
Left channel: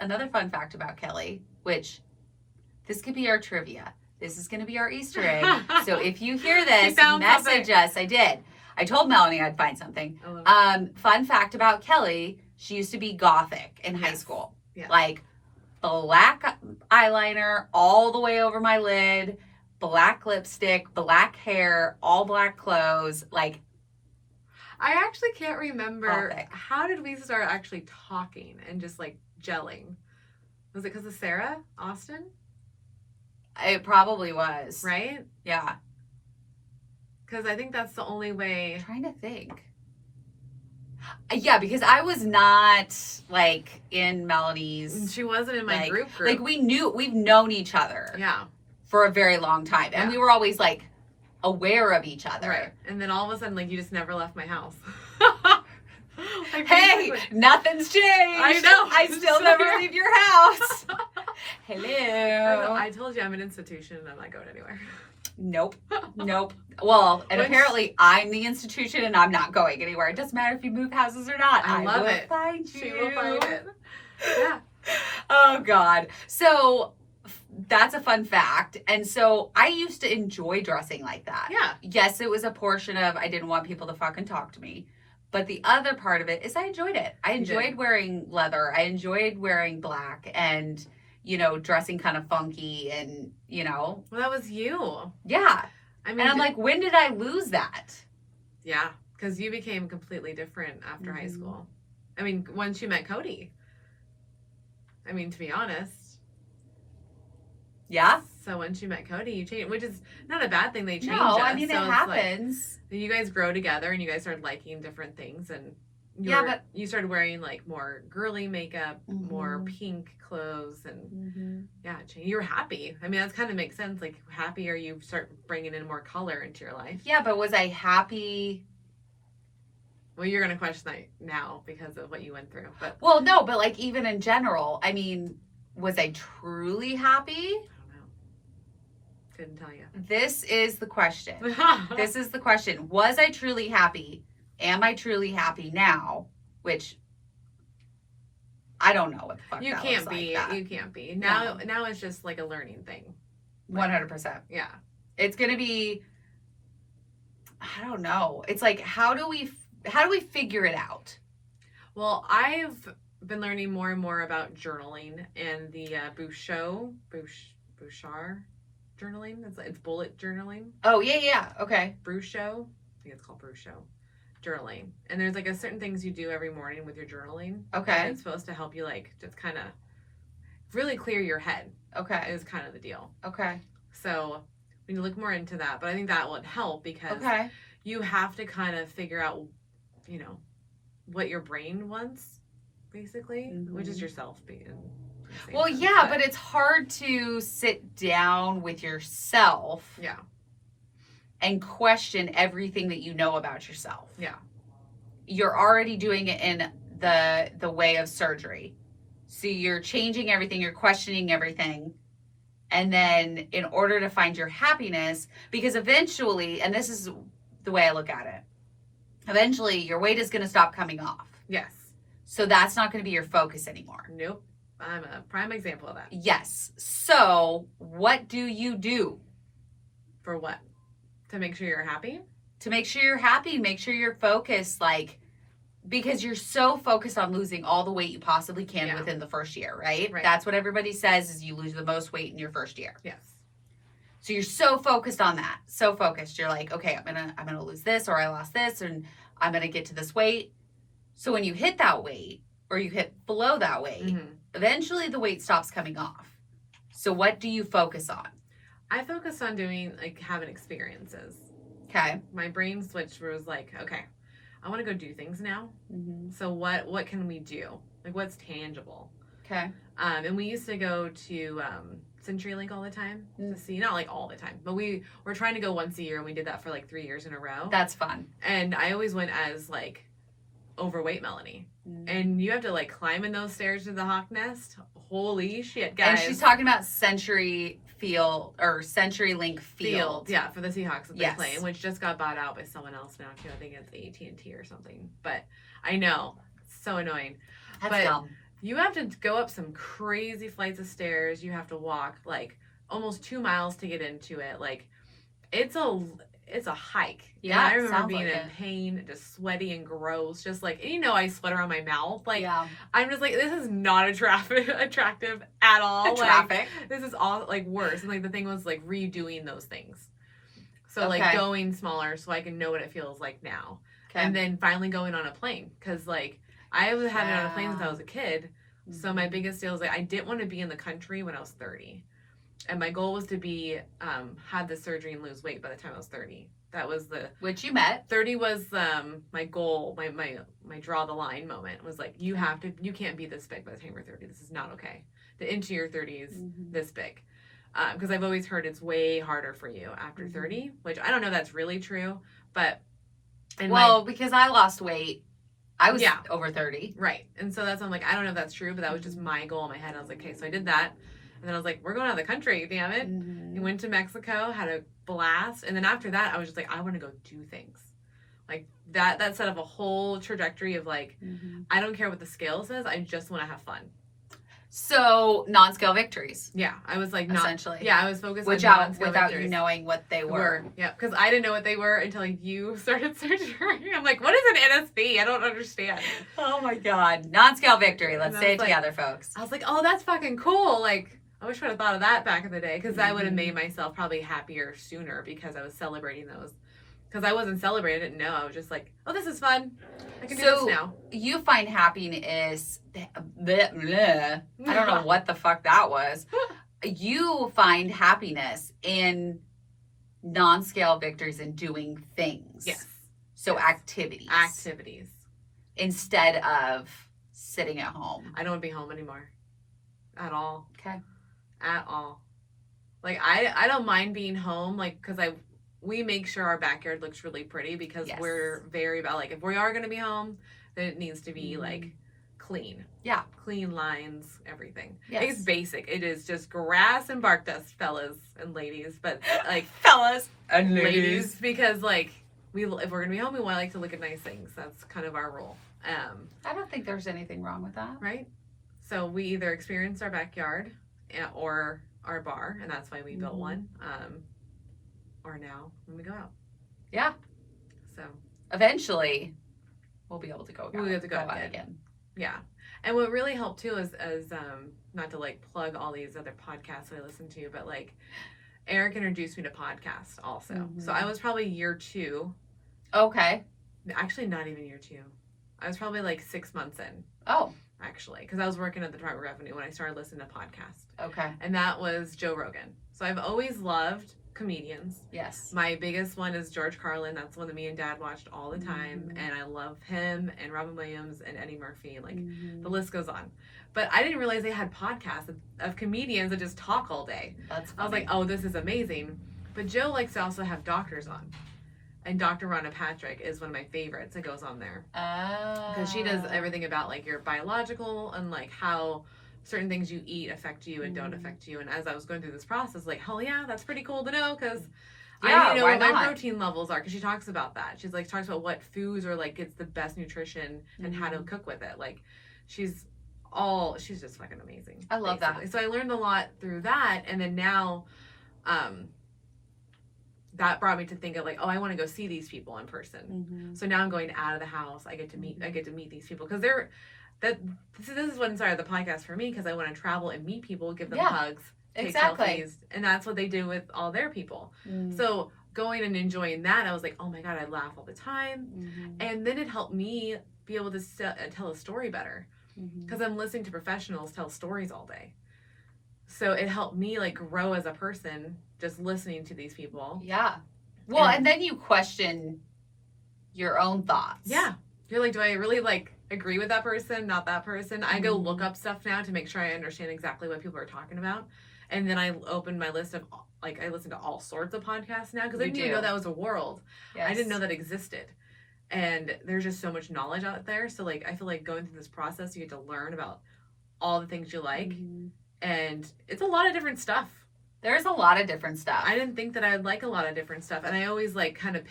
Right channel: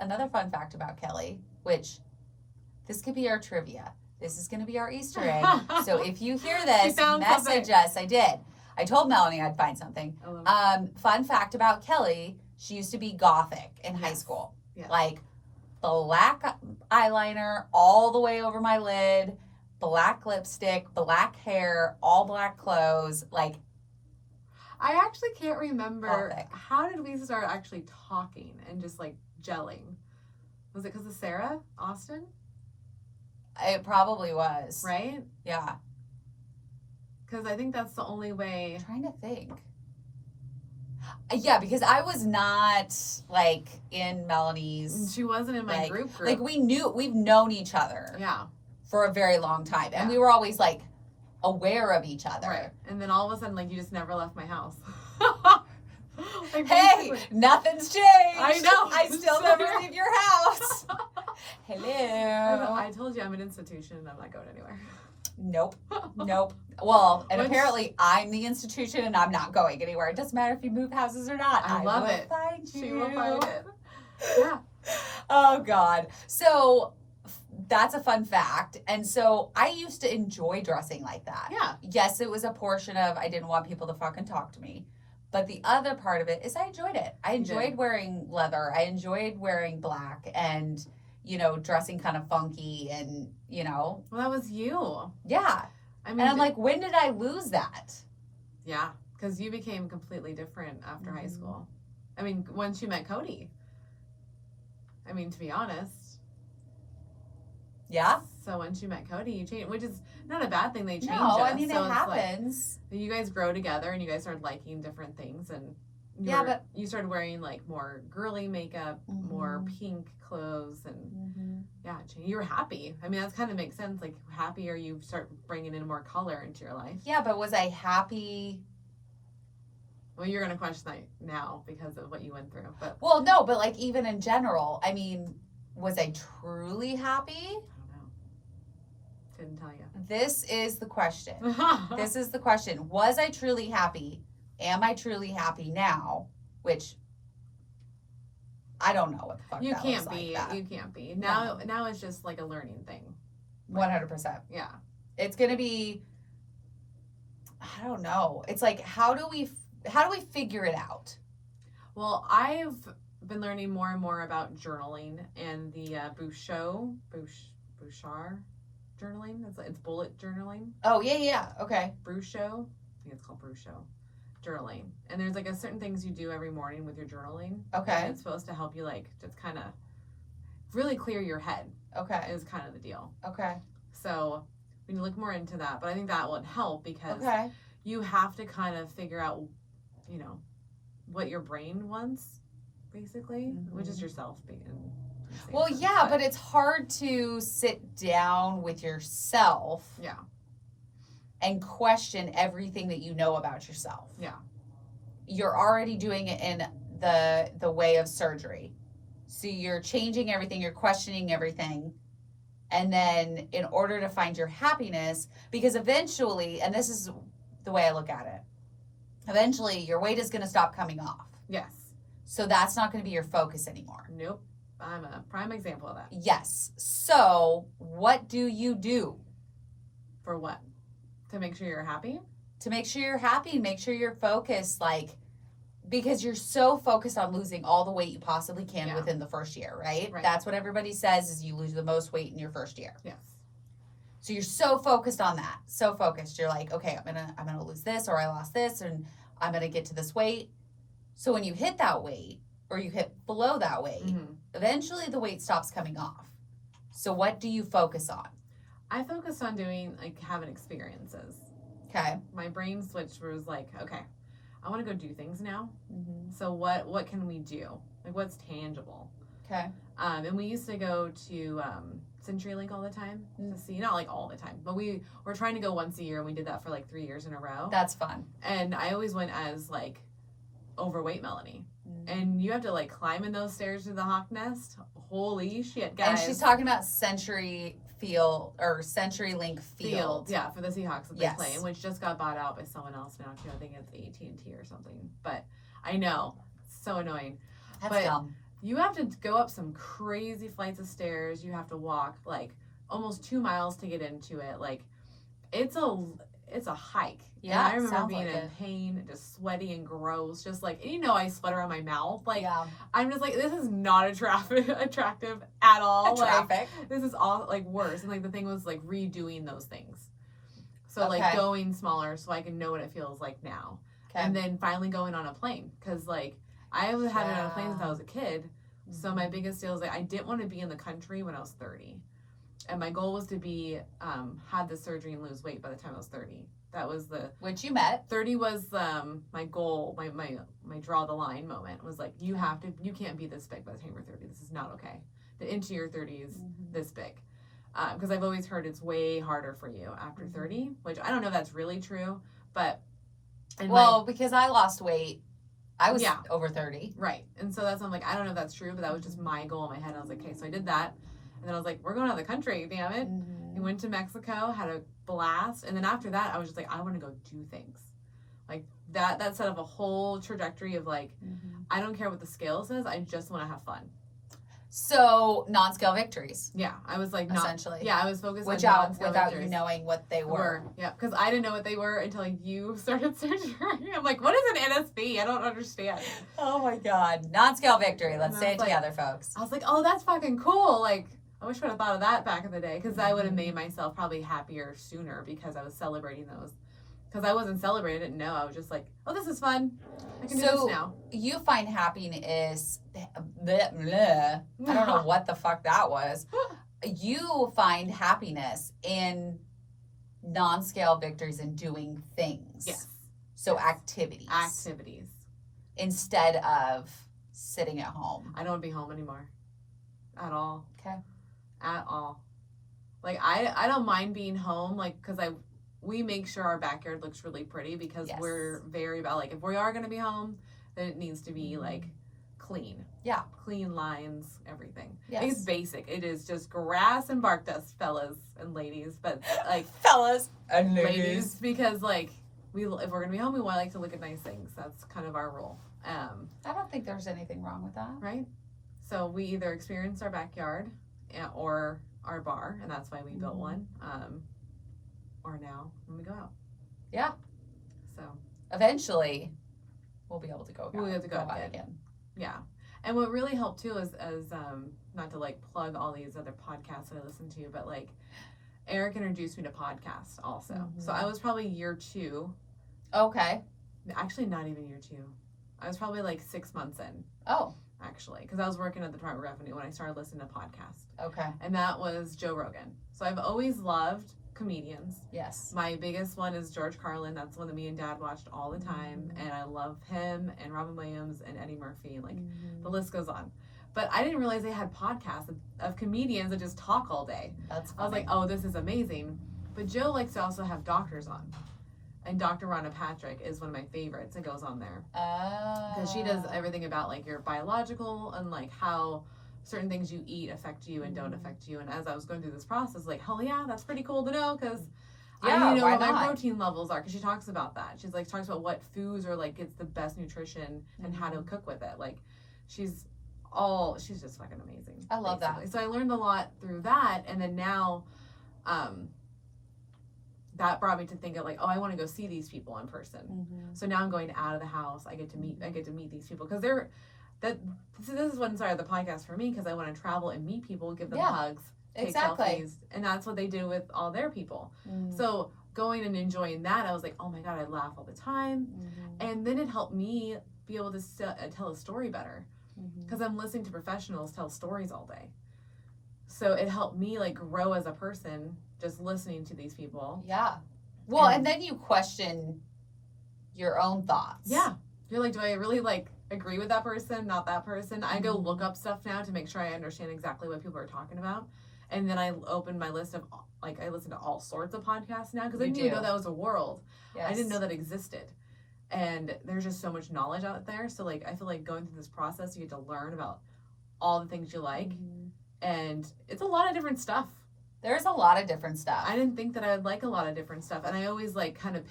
another fun fact about Kelly, which this could be our trivia. This is going to be our Easter egg. So if you hear this, message us. I did. I told Melanie I'd find something. Fun fact about Kelly, she used to be gothic in high school. Yeah. Like black eyeliner all the way over my lid, black lipstick, black hair, all black clothes. Like, I actually can't remember. Gothic. How did we start actually talking and just like gelling? Was it because of Sarah Austin? It probably was. Right? Yeah. Because I think that's the only way. I'm trying to think. Yeah, because I was not like in Melanie's. She wasn't in my group. Like we've known each other. Yeah. For a very long time. And we were always like aware of each other. Right. And then all of a sudden, like, you just never left my house. Like, hey, nothing's changed. I know. I still never leave your house. Hello. I told you I'm an institution and I'm not going anywhere. Nope. Well, and apparently I'm the institution and I'm not going anywhere. It doesn't matter if you move houses or not. I love it. Find you. She will find it. Yeah. Oh, God. So that's a fun fact. And so I used to enjoy dressing like that. Yeah. Yes, it was a portion of I didn't want people to fucking talk to me. But the other part of it is I enjoyed it. I enjoyed wearing leather. I enjoyed wearing black and, dressing kind of funky and, Well, that was you. Yeah. I mean, and I'm like, when did I lose that? Yeah. Because you became completely different after high school. I mean, once you met Cody. I mean, to be honest. Yeah. So once you met Cody, you changed, which is not a bad thing. They changed us. No, I mean, it happens. Like, you guys grow together and you guys started liking different things. And you started wearing like more girly makeup, more pink clothes. And you were happy. I mean, that kind of makes sense. Like, happier, you start bringing in more color into your life. Yeah, but was I happy? Well, you're going to question that now because of what you went through. But well, no, but like even in general, I mean, was I truly happy? Couldn't tell you. This is the question. This is the question. Was I truly happy? Am I truly happy now? Which I don't know what the fuck you that can't was be. like You can't be. Now it's just like a learning thing. 100%. Yeah. It's gonna be. I don't know. It's like how do we figure it out? Well, I've been learning more and more about journaling and the Bouchard journaling. It's bullet journaling. Oh, yeah. Okay. Brucho. I think it's called Brucho. Journaling. And there's like a certain things you do every morning with your journaling. Okay. And it's supposed to help you like just kind of really clear your head. Okay. Is kind of the deal. Okay. So We need to look more into that. But I think that would help because Okay. you have to kind of figure out, you know, what your brain wants, basically, which is yourself being. Well, yeah, but it's hard to sit down with yourself. Yeah. And question everything that you know about yourself. Yeah. You're already doing it in the way of surgery. So you're changing everything, you're questioning everything. And then in order to find your happiness, because eventually, and this is the way I look at it, eventually your weight is going to stop coming off. Yes. So that's not going to be your focus anymore. Nope. I'm a prime example of that. Yes. So what do you do? For what? To make sure you're happy? To make sure you're happy, make sure you're focused, like, because you're so focused on losing all the weight you possibly can within the first year, right? That's what everybody says is you lose the most weight in your first year. Yes. So you're so focused on that. So focused. You're like, okay, I'm gonna lose this, or I lost this, and I'm gonna get to this weight. So when you hit that weight, or you hit below that weight, eventually the weight stops coming off. So what do you focus on? I focus on doing, like, having experiences. Okay. My brain switch was like, okay, I want to go do things now. So what can we do? Like, what's tangible? Okay. And we used to go to CenturyLink all the time to see, not like all the time, but we were trying to go once a year, and we did that for like 3 years in a row. That's fun. And I always went as like overweight Melanie. And you have to like climb in those stairs to the Hawk Nest. Holy shit, guys. And she's talking about CenturyLink Field. Yeah, for the Seahawks that they Yes. play, which just got bought out by someone else now too. I think it's AT&T or something. But I know, so annoying. That's But dumb. you have to go up some crazy flights of stairs. You have to walk like almost 2 miles to get into it. Like it's a hike. Yeah, And I remember sounds being like in it. pain, just sweaty and gross, just like, and you know, I sweat around my mouth. Like Yeah. I'm just like, this is not attractive at all. Traffic. Like, this is all like worse. And like the thing was like redoing those things. So like Okay. going smaller so I can know what it feels like now. Okay. And then finally going on a plane. Cause like I was had it on a plane since I was a kid. So my biggest deal is like I didn't want to be in the country when I was 30. And my goal was to be had the surgery and lose weight by the time I was 30. That was the Which you met. 30 was my goal, my draw the line moment was like you can't be this big by the time you're 30. This is not okay. To into your 30s this big. Because I've always heard it's way harder for you after 30, which I don't know if that's really true, but because I lost weight, I was Yeah. over 30. right. And so that's I'm like I don't know if that's true, but that was just my goal in my head. I was like, okay, so I did that, and then I was like, we're going out of the country, damn it. We went to Mexico, had a blast, and then after that, I was just like, I want to go do things. Like that set up a whole trajectory of like, I don't care what the scale says, I just want to have fun. So non-scale victories, Yeah, I was like essentially. Yeah, I was focused Which on out non-scale without victories. you knowing what they were. Yeah, because I didn't know what they were until you started surgery. I'm like, what is an NSV? I don't understand. Oh my god. Non-scale victory. Let's And say I it was like- together, folks. I was like, oh, that's fucking cool. Like, I wish I would have thought of that back in the day because I would have made myself probably happier sooner because I was celebrating those. Because I wasn't celebrating, I didn't know. I was just like, oh, this is fun. I can do So- this now. You find happiness. I don't know what the fuck that was. You find happiness in non-scale victories and doing things. Yes. So activities. Activities. Instead of sitting at home. I don't want to be home anymore. At all. Okay. At all. Like, I don't mind being home, like, because we make sure our backyard looks really pretty because Yes. we're very about, like, if we are going to be home, then it needs to be, like, clean. Yeah. Clean lines, everything. Yes. It's basic. It is just grass and bark dust, fellas and ladies. But, like, Fellas and ladies, because, like, if we're going to be home, we want, like, to look at nice things. That's kind of our rule. I don't think there's anything wrong with that. Right? So we either experience our backyard or our bar, and that's why we built one. Or now when we go out. Yeah. So Eventually, we'll be able to go. We'll be able to go out again. again. yeah, and what really helped too is not to like plug all these other podcasts I listen to, but like Eric introduced me to podcasts also. So I was probably year 2. Okay. Actually, not even year 2. I was probably like 6 months in. Oh. actually, because I was working at the Department of Revenue when I started listening to podcasts. Okay. And that was Joe Rogan. So I've always loved comedians. Yes. My biggest one is George Carlin. That's one that me and Dad watched all the time. And I love him and Robin Williams and Eddie Murphy. Like, the list goes on. But I didn't realize they had podcasts of comedians that just talk all day. That's funny. I was like, oh, this is amazing. But Joe likes to also have doctors on. And Dr. Rhonda Patrick is one of my favorites that goes on there. Because she does everything about, like, your biological and, like, how certain things you eat affect you and don't affect you. And as I was going through this process, like, hell yeah, that's pretty cool to know, because I need to know what my protein levels are, because she talks about that. She's like, talks about what foods are, like, gets the best nutrition and how to cook with it. Like, she's just fucking amazing. I love basically. that. So I learned a lot through that. And then now, that brought me to think of, like, oh, I want to go see these people in person. So now I'm going out of the house. I get to meet these people, because this is what inspired the podcast for me, because I want to travel and meet people, give them hugs, take selfies, and that's what they do with all their people. So going and enjoying that, I was like, oh my God, I laugh all the time. And then it helped me be able to tell a story better, because I'm listening to professionals tell stories all day. So it helped me, like, grow as a person just listening to these people. Yeah. Well, and then you question your own thoughts. Yeah. You're like, do I really, like, agree with that person, not that person? I go look up stuff now to make sure I understand exactly what people are talking about. And then I open my list of, like, I listen to all sorts of podcasts now, because I didn't even know that was a world. Yes. I didn't know that existed. And there's just so much knowledge out there. So, like, I feel like going through this process, you get to learn about all the things you like. And it's a lot of different stuff. There's a lot of different stuff. I didn't think that I'd like a lot of different stuff. And I always, like, kind of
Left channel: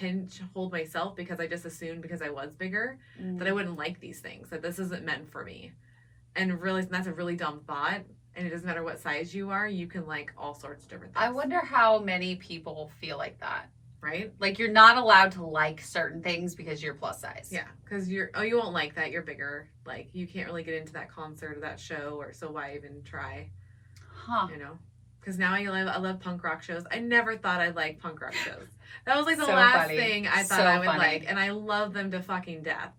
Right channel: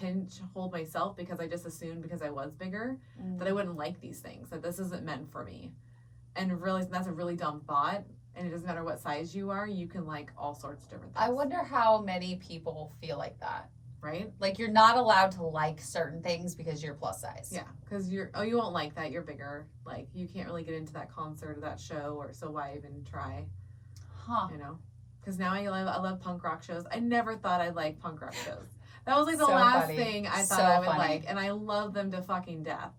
hold myself, because I just assumed, because I was bigger, that I wouldn't like these things, that this isn't meant for me. And realizing that's a really dumb thought. And it doesn't matter what size you are, you can like all sorts of different things. I wonder how many people feel like that. Right? Like, you're not allowed to like certain things because you're plus size. Yeah, because you won't like that, you're bigger. Like, you can't really get into that concert or that show, or so why even try? Huh. You know? Because now I love punk rock shows. I never thought I'd like punk rock shows. That was like the last thing I thought I would like, and I love them to fucking death.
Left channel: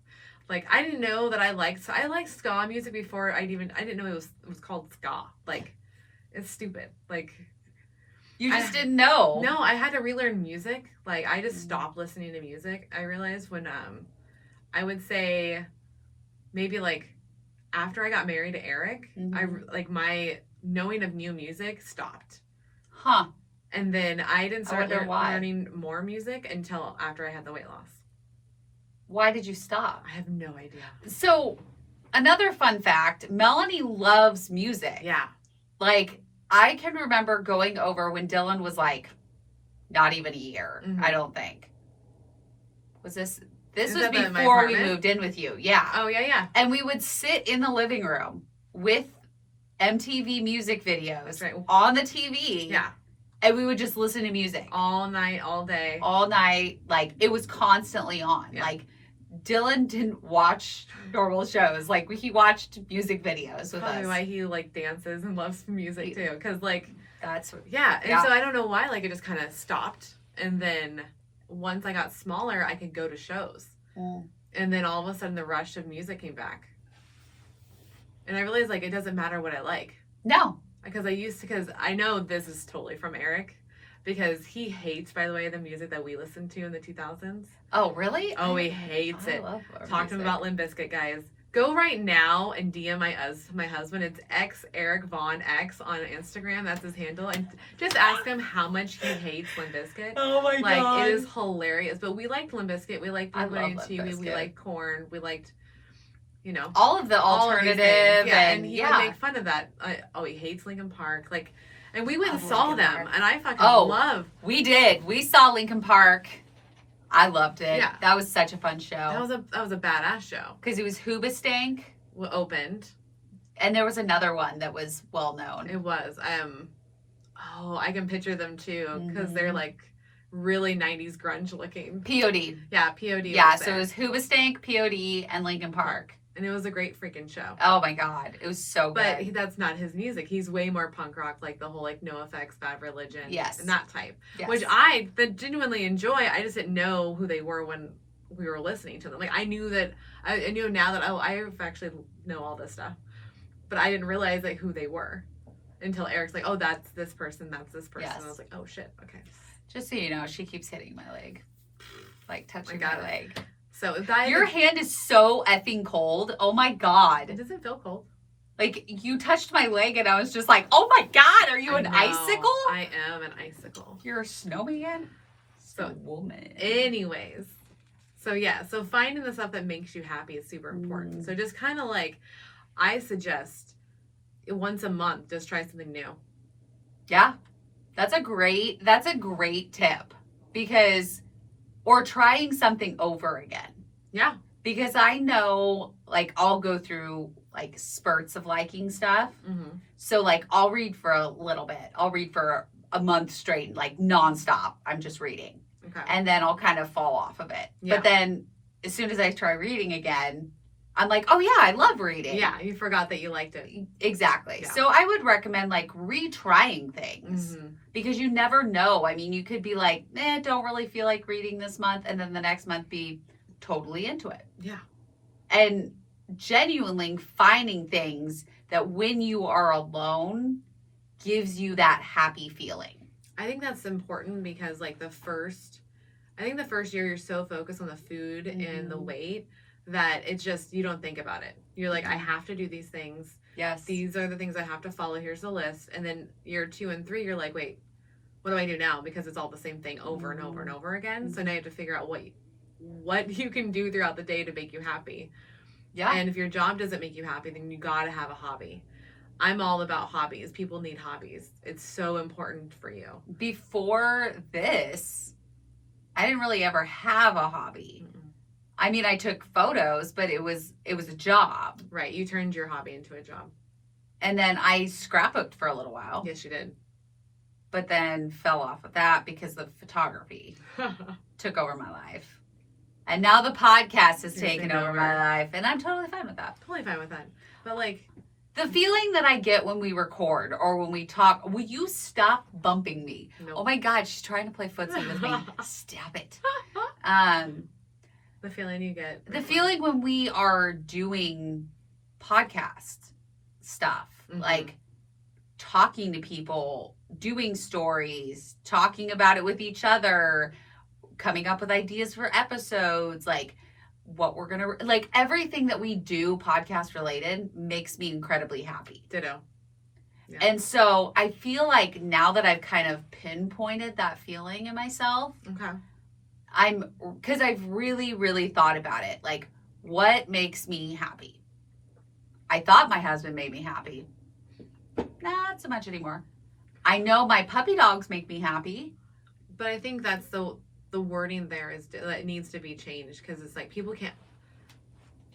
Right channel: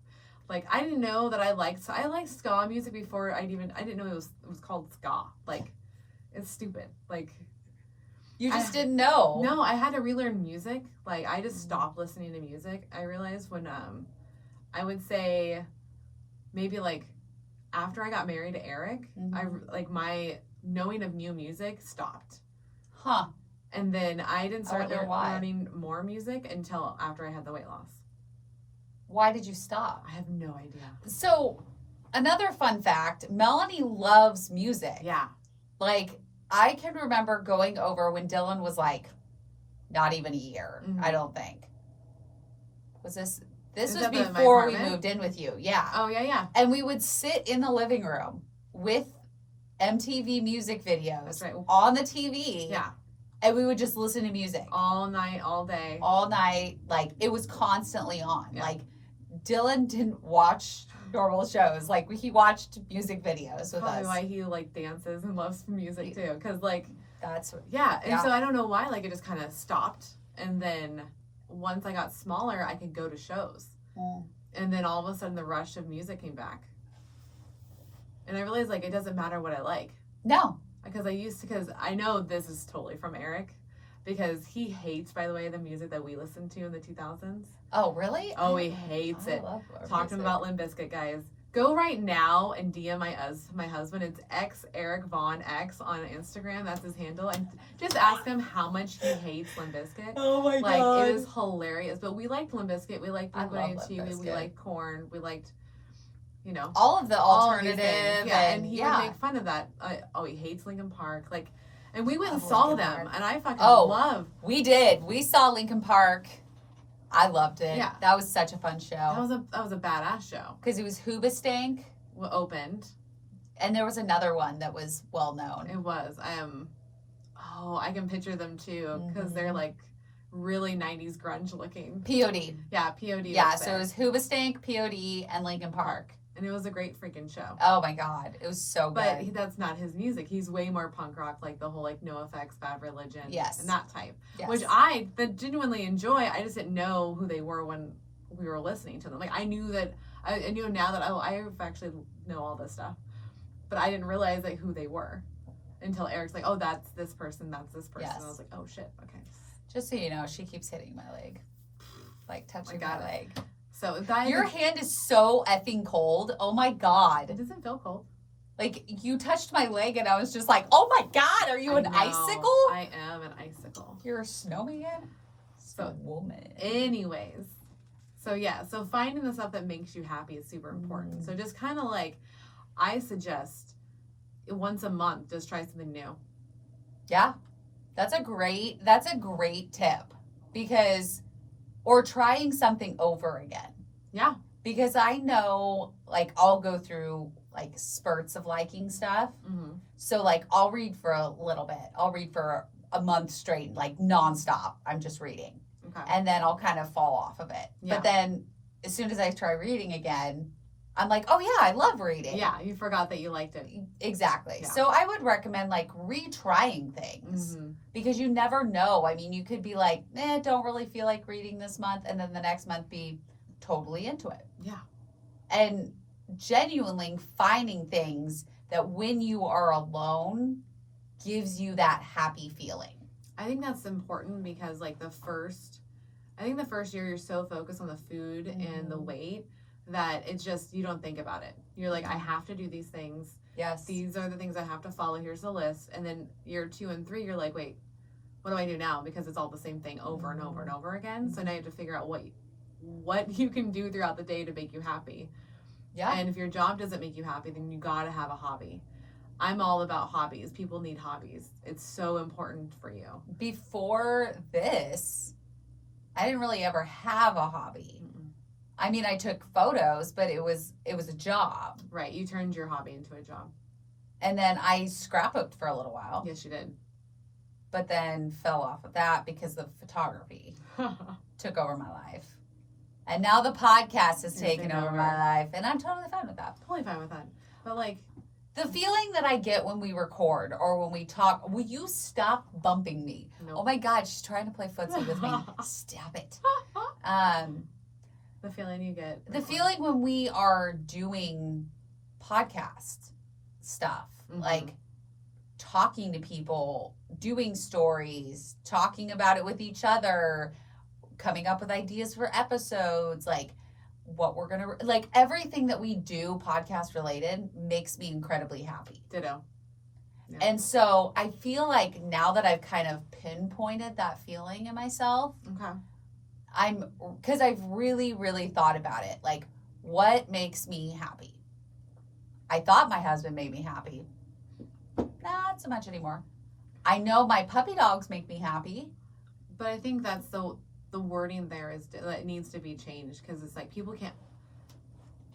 Like, I didn't know that I liked ska music before I didn't know it was called ska. Like, it's stupid. Like, you just didn't know. No, I had to relearn music. Like, I just stopped listening to music. I realized when I would say maybe like after I got married to Eric, my knowing of new music stopped. Huh. And then I didn't start learning more music until after I had the weight loss. Why did you stop? I have no idea. So, another fun fact, Melanie loves music. Yeah. Like, I can remember going over when Dylan was like, not even a year, I don't think. This was before we moved in with you. Yeah. Oh, yeah. And we would sit in the living room with MTV music videos on the TV. Yeah. And we would just listen to music. All night, all day. All night. Like, it was constantly on. Yeah. Like, Dylan didn't watch normal shows. Like, he watched music videos with us. Probably why he, like, dances and loves music, too. Because, like... That's what... Yeah. And so I don't know why, like, it just kind of stopped. And then once I got smaller, I could go to shows. And then all of a sudden, the rush of music came back. And I realized, like, it doesn't matter what I like. No. Because I know this is totally from Eric, because he hates, by the way, the music that we listened to in the 2000s. Oh, really? Oh, he hates it. Talk to him about Limb Biscuit, guys. Go right now and DM my husband. It's Eric Vaughn X on Instagram. That's his handle. And just ask him how much he hates Limb Biscuit. Oh my God. Like, it is hilarious. But we liked Limb Biscuit. We liked Blink-182. We liked Korn. We liked... You know, all of the alternative, and he would make fun of that. He hates Linkin Park, like, and we went and saw them, and I fucking love. We did. We saw Linkin Park. I loved it. Yeah, that was such a fun show. That was a badass show because it was Hoobastank opened, and there was another one that was well known. It was I can picture them too because they're like really 90s grunge looking. POD. Yeah, POD. Yeah, so it was Hoobastank, POD, and Linkin Park. And it was a great freaking show. Oh my God, it was so good. But that's not his music. He's way more punk rock, like the whole like NoFX, Bad Religion, and that type, which I genuinely enjoy. I just didn't know who they were when we were listening to them. Like I knew now that I actually know all this stuff. but I didn't realize like who they were until Eric's like, oh, that's this person, that's this person. Yes. And I was like, oh shit, okay. Just so you know, she keeps hitting my leg. Like touching my leg. So that your hand is so effing cold. Oh my God. It doesn't feel cold. Like you touched my leg and I was just like, oh my God, are you an icicle? I am an icicle. You're a snowman? So woman. Anyways. So yeah, so finding the stuff that makes you happy is super important. So just kind of like, I suggest once a month, just try something new. Yeah. That's a great tip because, or trying something over again. Yeah. Because I know like I'll go through like spurts of liking stuff. Mm-hmm. So like I'll read for a little bit. I'll read for a month straight, like nonstop. I'm just reading. Okay. And then I'll kind of fall off of it. Yeah. But then as soon as I try reading again, I'm like, oh yeah, I love reading. Yeah, you forgot that you liked it. Exactly. Yeah. So I would recommend like retrying things because you never know. I mean, you could be like, don't really feel like reading this month. And then the next month be totally into it. Yeah. And genuinely finding things that when you are alone gives you that happy feeling. I think that's important because like the first year you're so focused on the food and the weight that it's just, you don't think about it. You're like, I have to do these things. Yes. These are the things I have to follow. Here's the list. And then year 2 and 3, you're like, wait, what do I do now? Because it's all the same thing over and over and over again. So now you have to figure out what you can do throughout the day to make you happy. Yeah. And if your job doesn't make you happy, then you got to have a hobby. I'm all about hobbies. People need hobbies. It's so important for you. Before this, I didn't really ever have a hobby. I mean, I took photos, but it was a job. Right. You turned your hobby into a job. And then I scrapbooked for a little while. Yes, you did. But then fell off of that because the photography took over my life. And now the podcast has taken over my life. And I'm totally fine with that. Totally fine with that. But like, the feeling that I get when we record or when we talk, will you stop bumping me? Nope. Oh my God, she's trying to play footsie with me. Stop it. The feeling you get. The feeling when we are doing podcast stuff, like talking to people, doing stories, talking about it with each other, coming up with ideas for episodes, like what we're gonna, like everything that we do podcast related makes me incredibly happy. Ditto. Yeah. And so I feel like now that I've kind of pinpointed that feeling in myself, because I've really, really thought about it. Like, what makes me happy? I thought my husband made me happy. Not so much anymore. I know my puppy dogs make me happy. But I think that's the wording there is that needs to be changed because it's like people can't.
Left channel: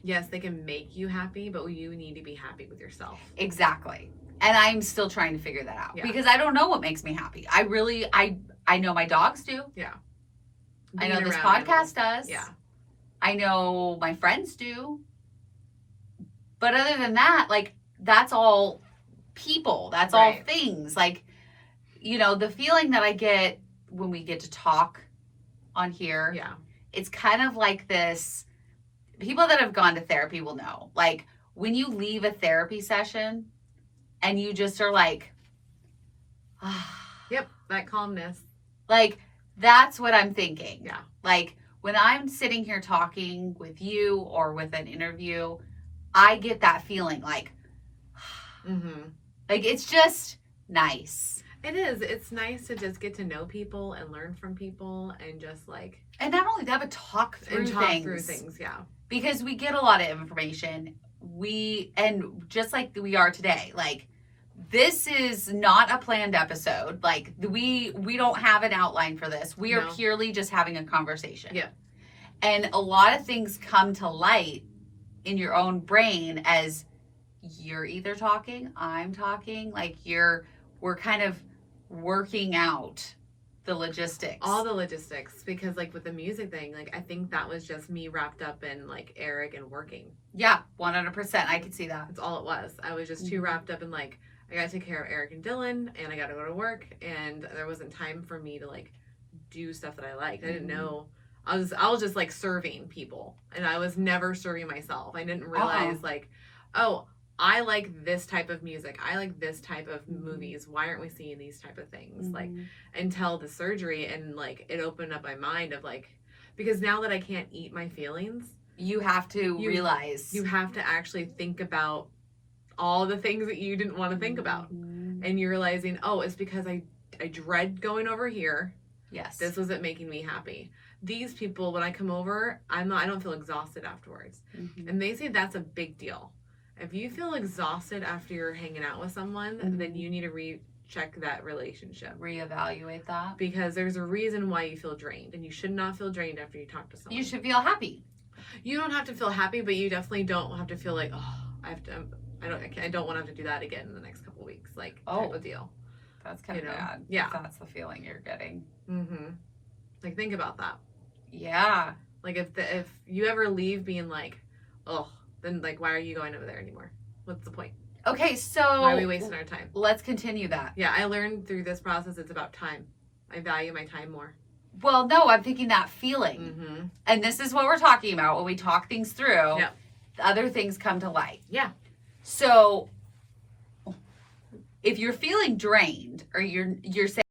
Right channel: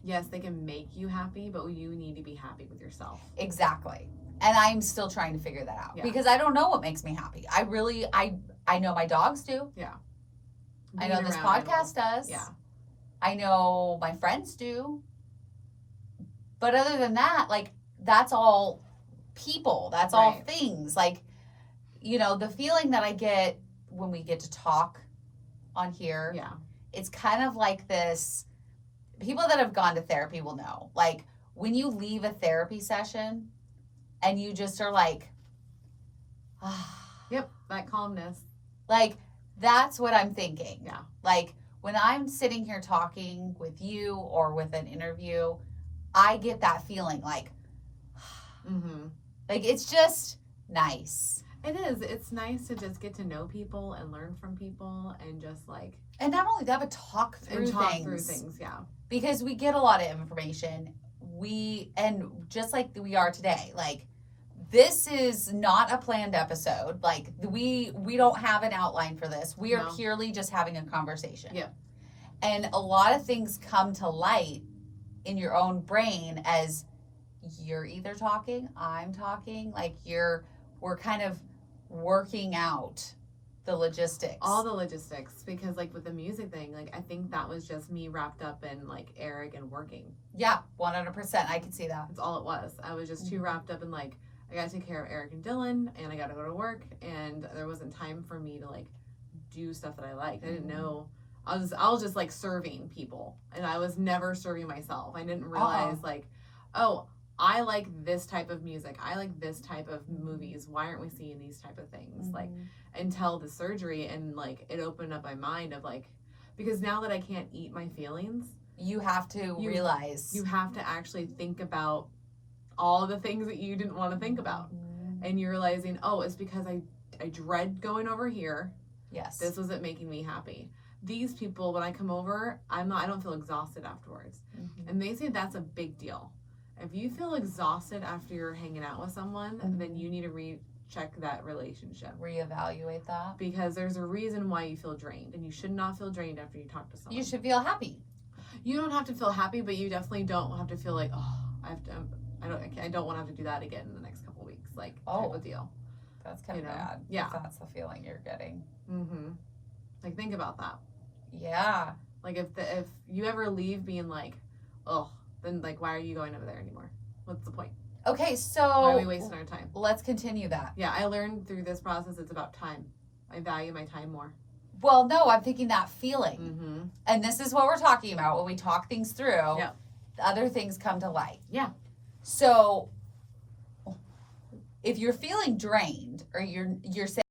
Yes, they can make you happy, but you need to be happy with yourself. Exactly. And I'm still trying to figure that out because I don't know what makes me happy. I know my dogs do. Yeah. I know this podcast does. Yeah. I know my friends do. But other than that, like, that's all people. That's all things. Like, you know, the feeling that I get when we get to talk on here. Yeah. It's kind of like this. People that have gone to therapy will know. Like, when you leave a therapy session and you just are like, yep, that calmness. Like, that's what I'm thinking. Yeah. Like, when I'm sitting here talking with you or with an interview, I get that feeling like, like, it's just nice. It is. It's nice to just get to know people and learn from people and just like. And not only that, but talk through things. Yeah. Because we get a lot of information. And just like we are today, like, this is not a planned episode. Like, we don't have an outline for this. We are purely just having a conversation. Yeah. And a lot of things come to light in your own brain as you're either talking, I'm talking, like we're kind of working out the logistics. All the logistics, because like with the music thing, like I think that was just me wrapped up in like Eric and working. Yeah, 100%. I could see that. That's all it was. I was just too wrapped up in like, I got to take care of Eric and Dylan and I got to go to work and there wasn't time for me to like do stuff that I liked. I didn't know. I was just like serving people and I was never serving myself. I didn't realize like, oh, I like this type of music. I like this type of movies. Why aren't we seeing these type of things? Like, until the surgery, and like it opened up my mind of like, because now that I can't eat my feelings, you have to realize. You have to actually think about all the things that you didn't want to think about. And you're realizing, oh, it's because I dread going over here. Yes. This wasn't making me happy. These people, when I come over, I don't feel exhausted afterwards. And they say that's a big deal. If you feel exhausted after you're hanging out with someone, then you need to recheck that relationship. Reevaluate that. Because there's a reason why you feel drained, and you should not feel drained after you talk to someone. You should feel happy. You don't have to feel happy, but you definitely don't have to feel like, oh, I don't want to have to do that again in the next couple of weeks. Like, type of deal. That's kind of bad. Yeah. If that's the feeling you're getting. Like, think about that. Yeah. Like, if you ever leave being like, oh, then like, why are you going over there anymore? What's the point? Okay, so why are we wasting our time? Let's continue that. Yeah, I learned through this process it's about time. I value my time more. Well, no, I'm thinking that feeling. And this is what we're talking about when we talk things through. Yep. Other things come to light. Yeah. So if you're feeling drained, or you're saying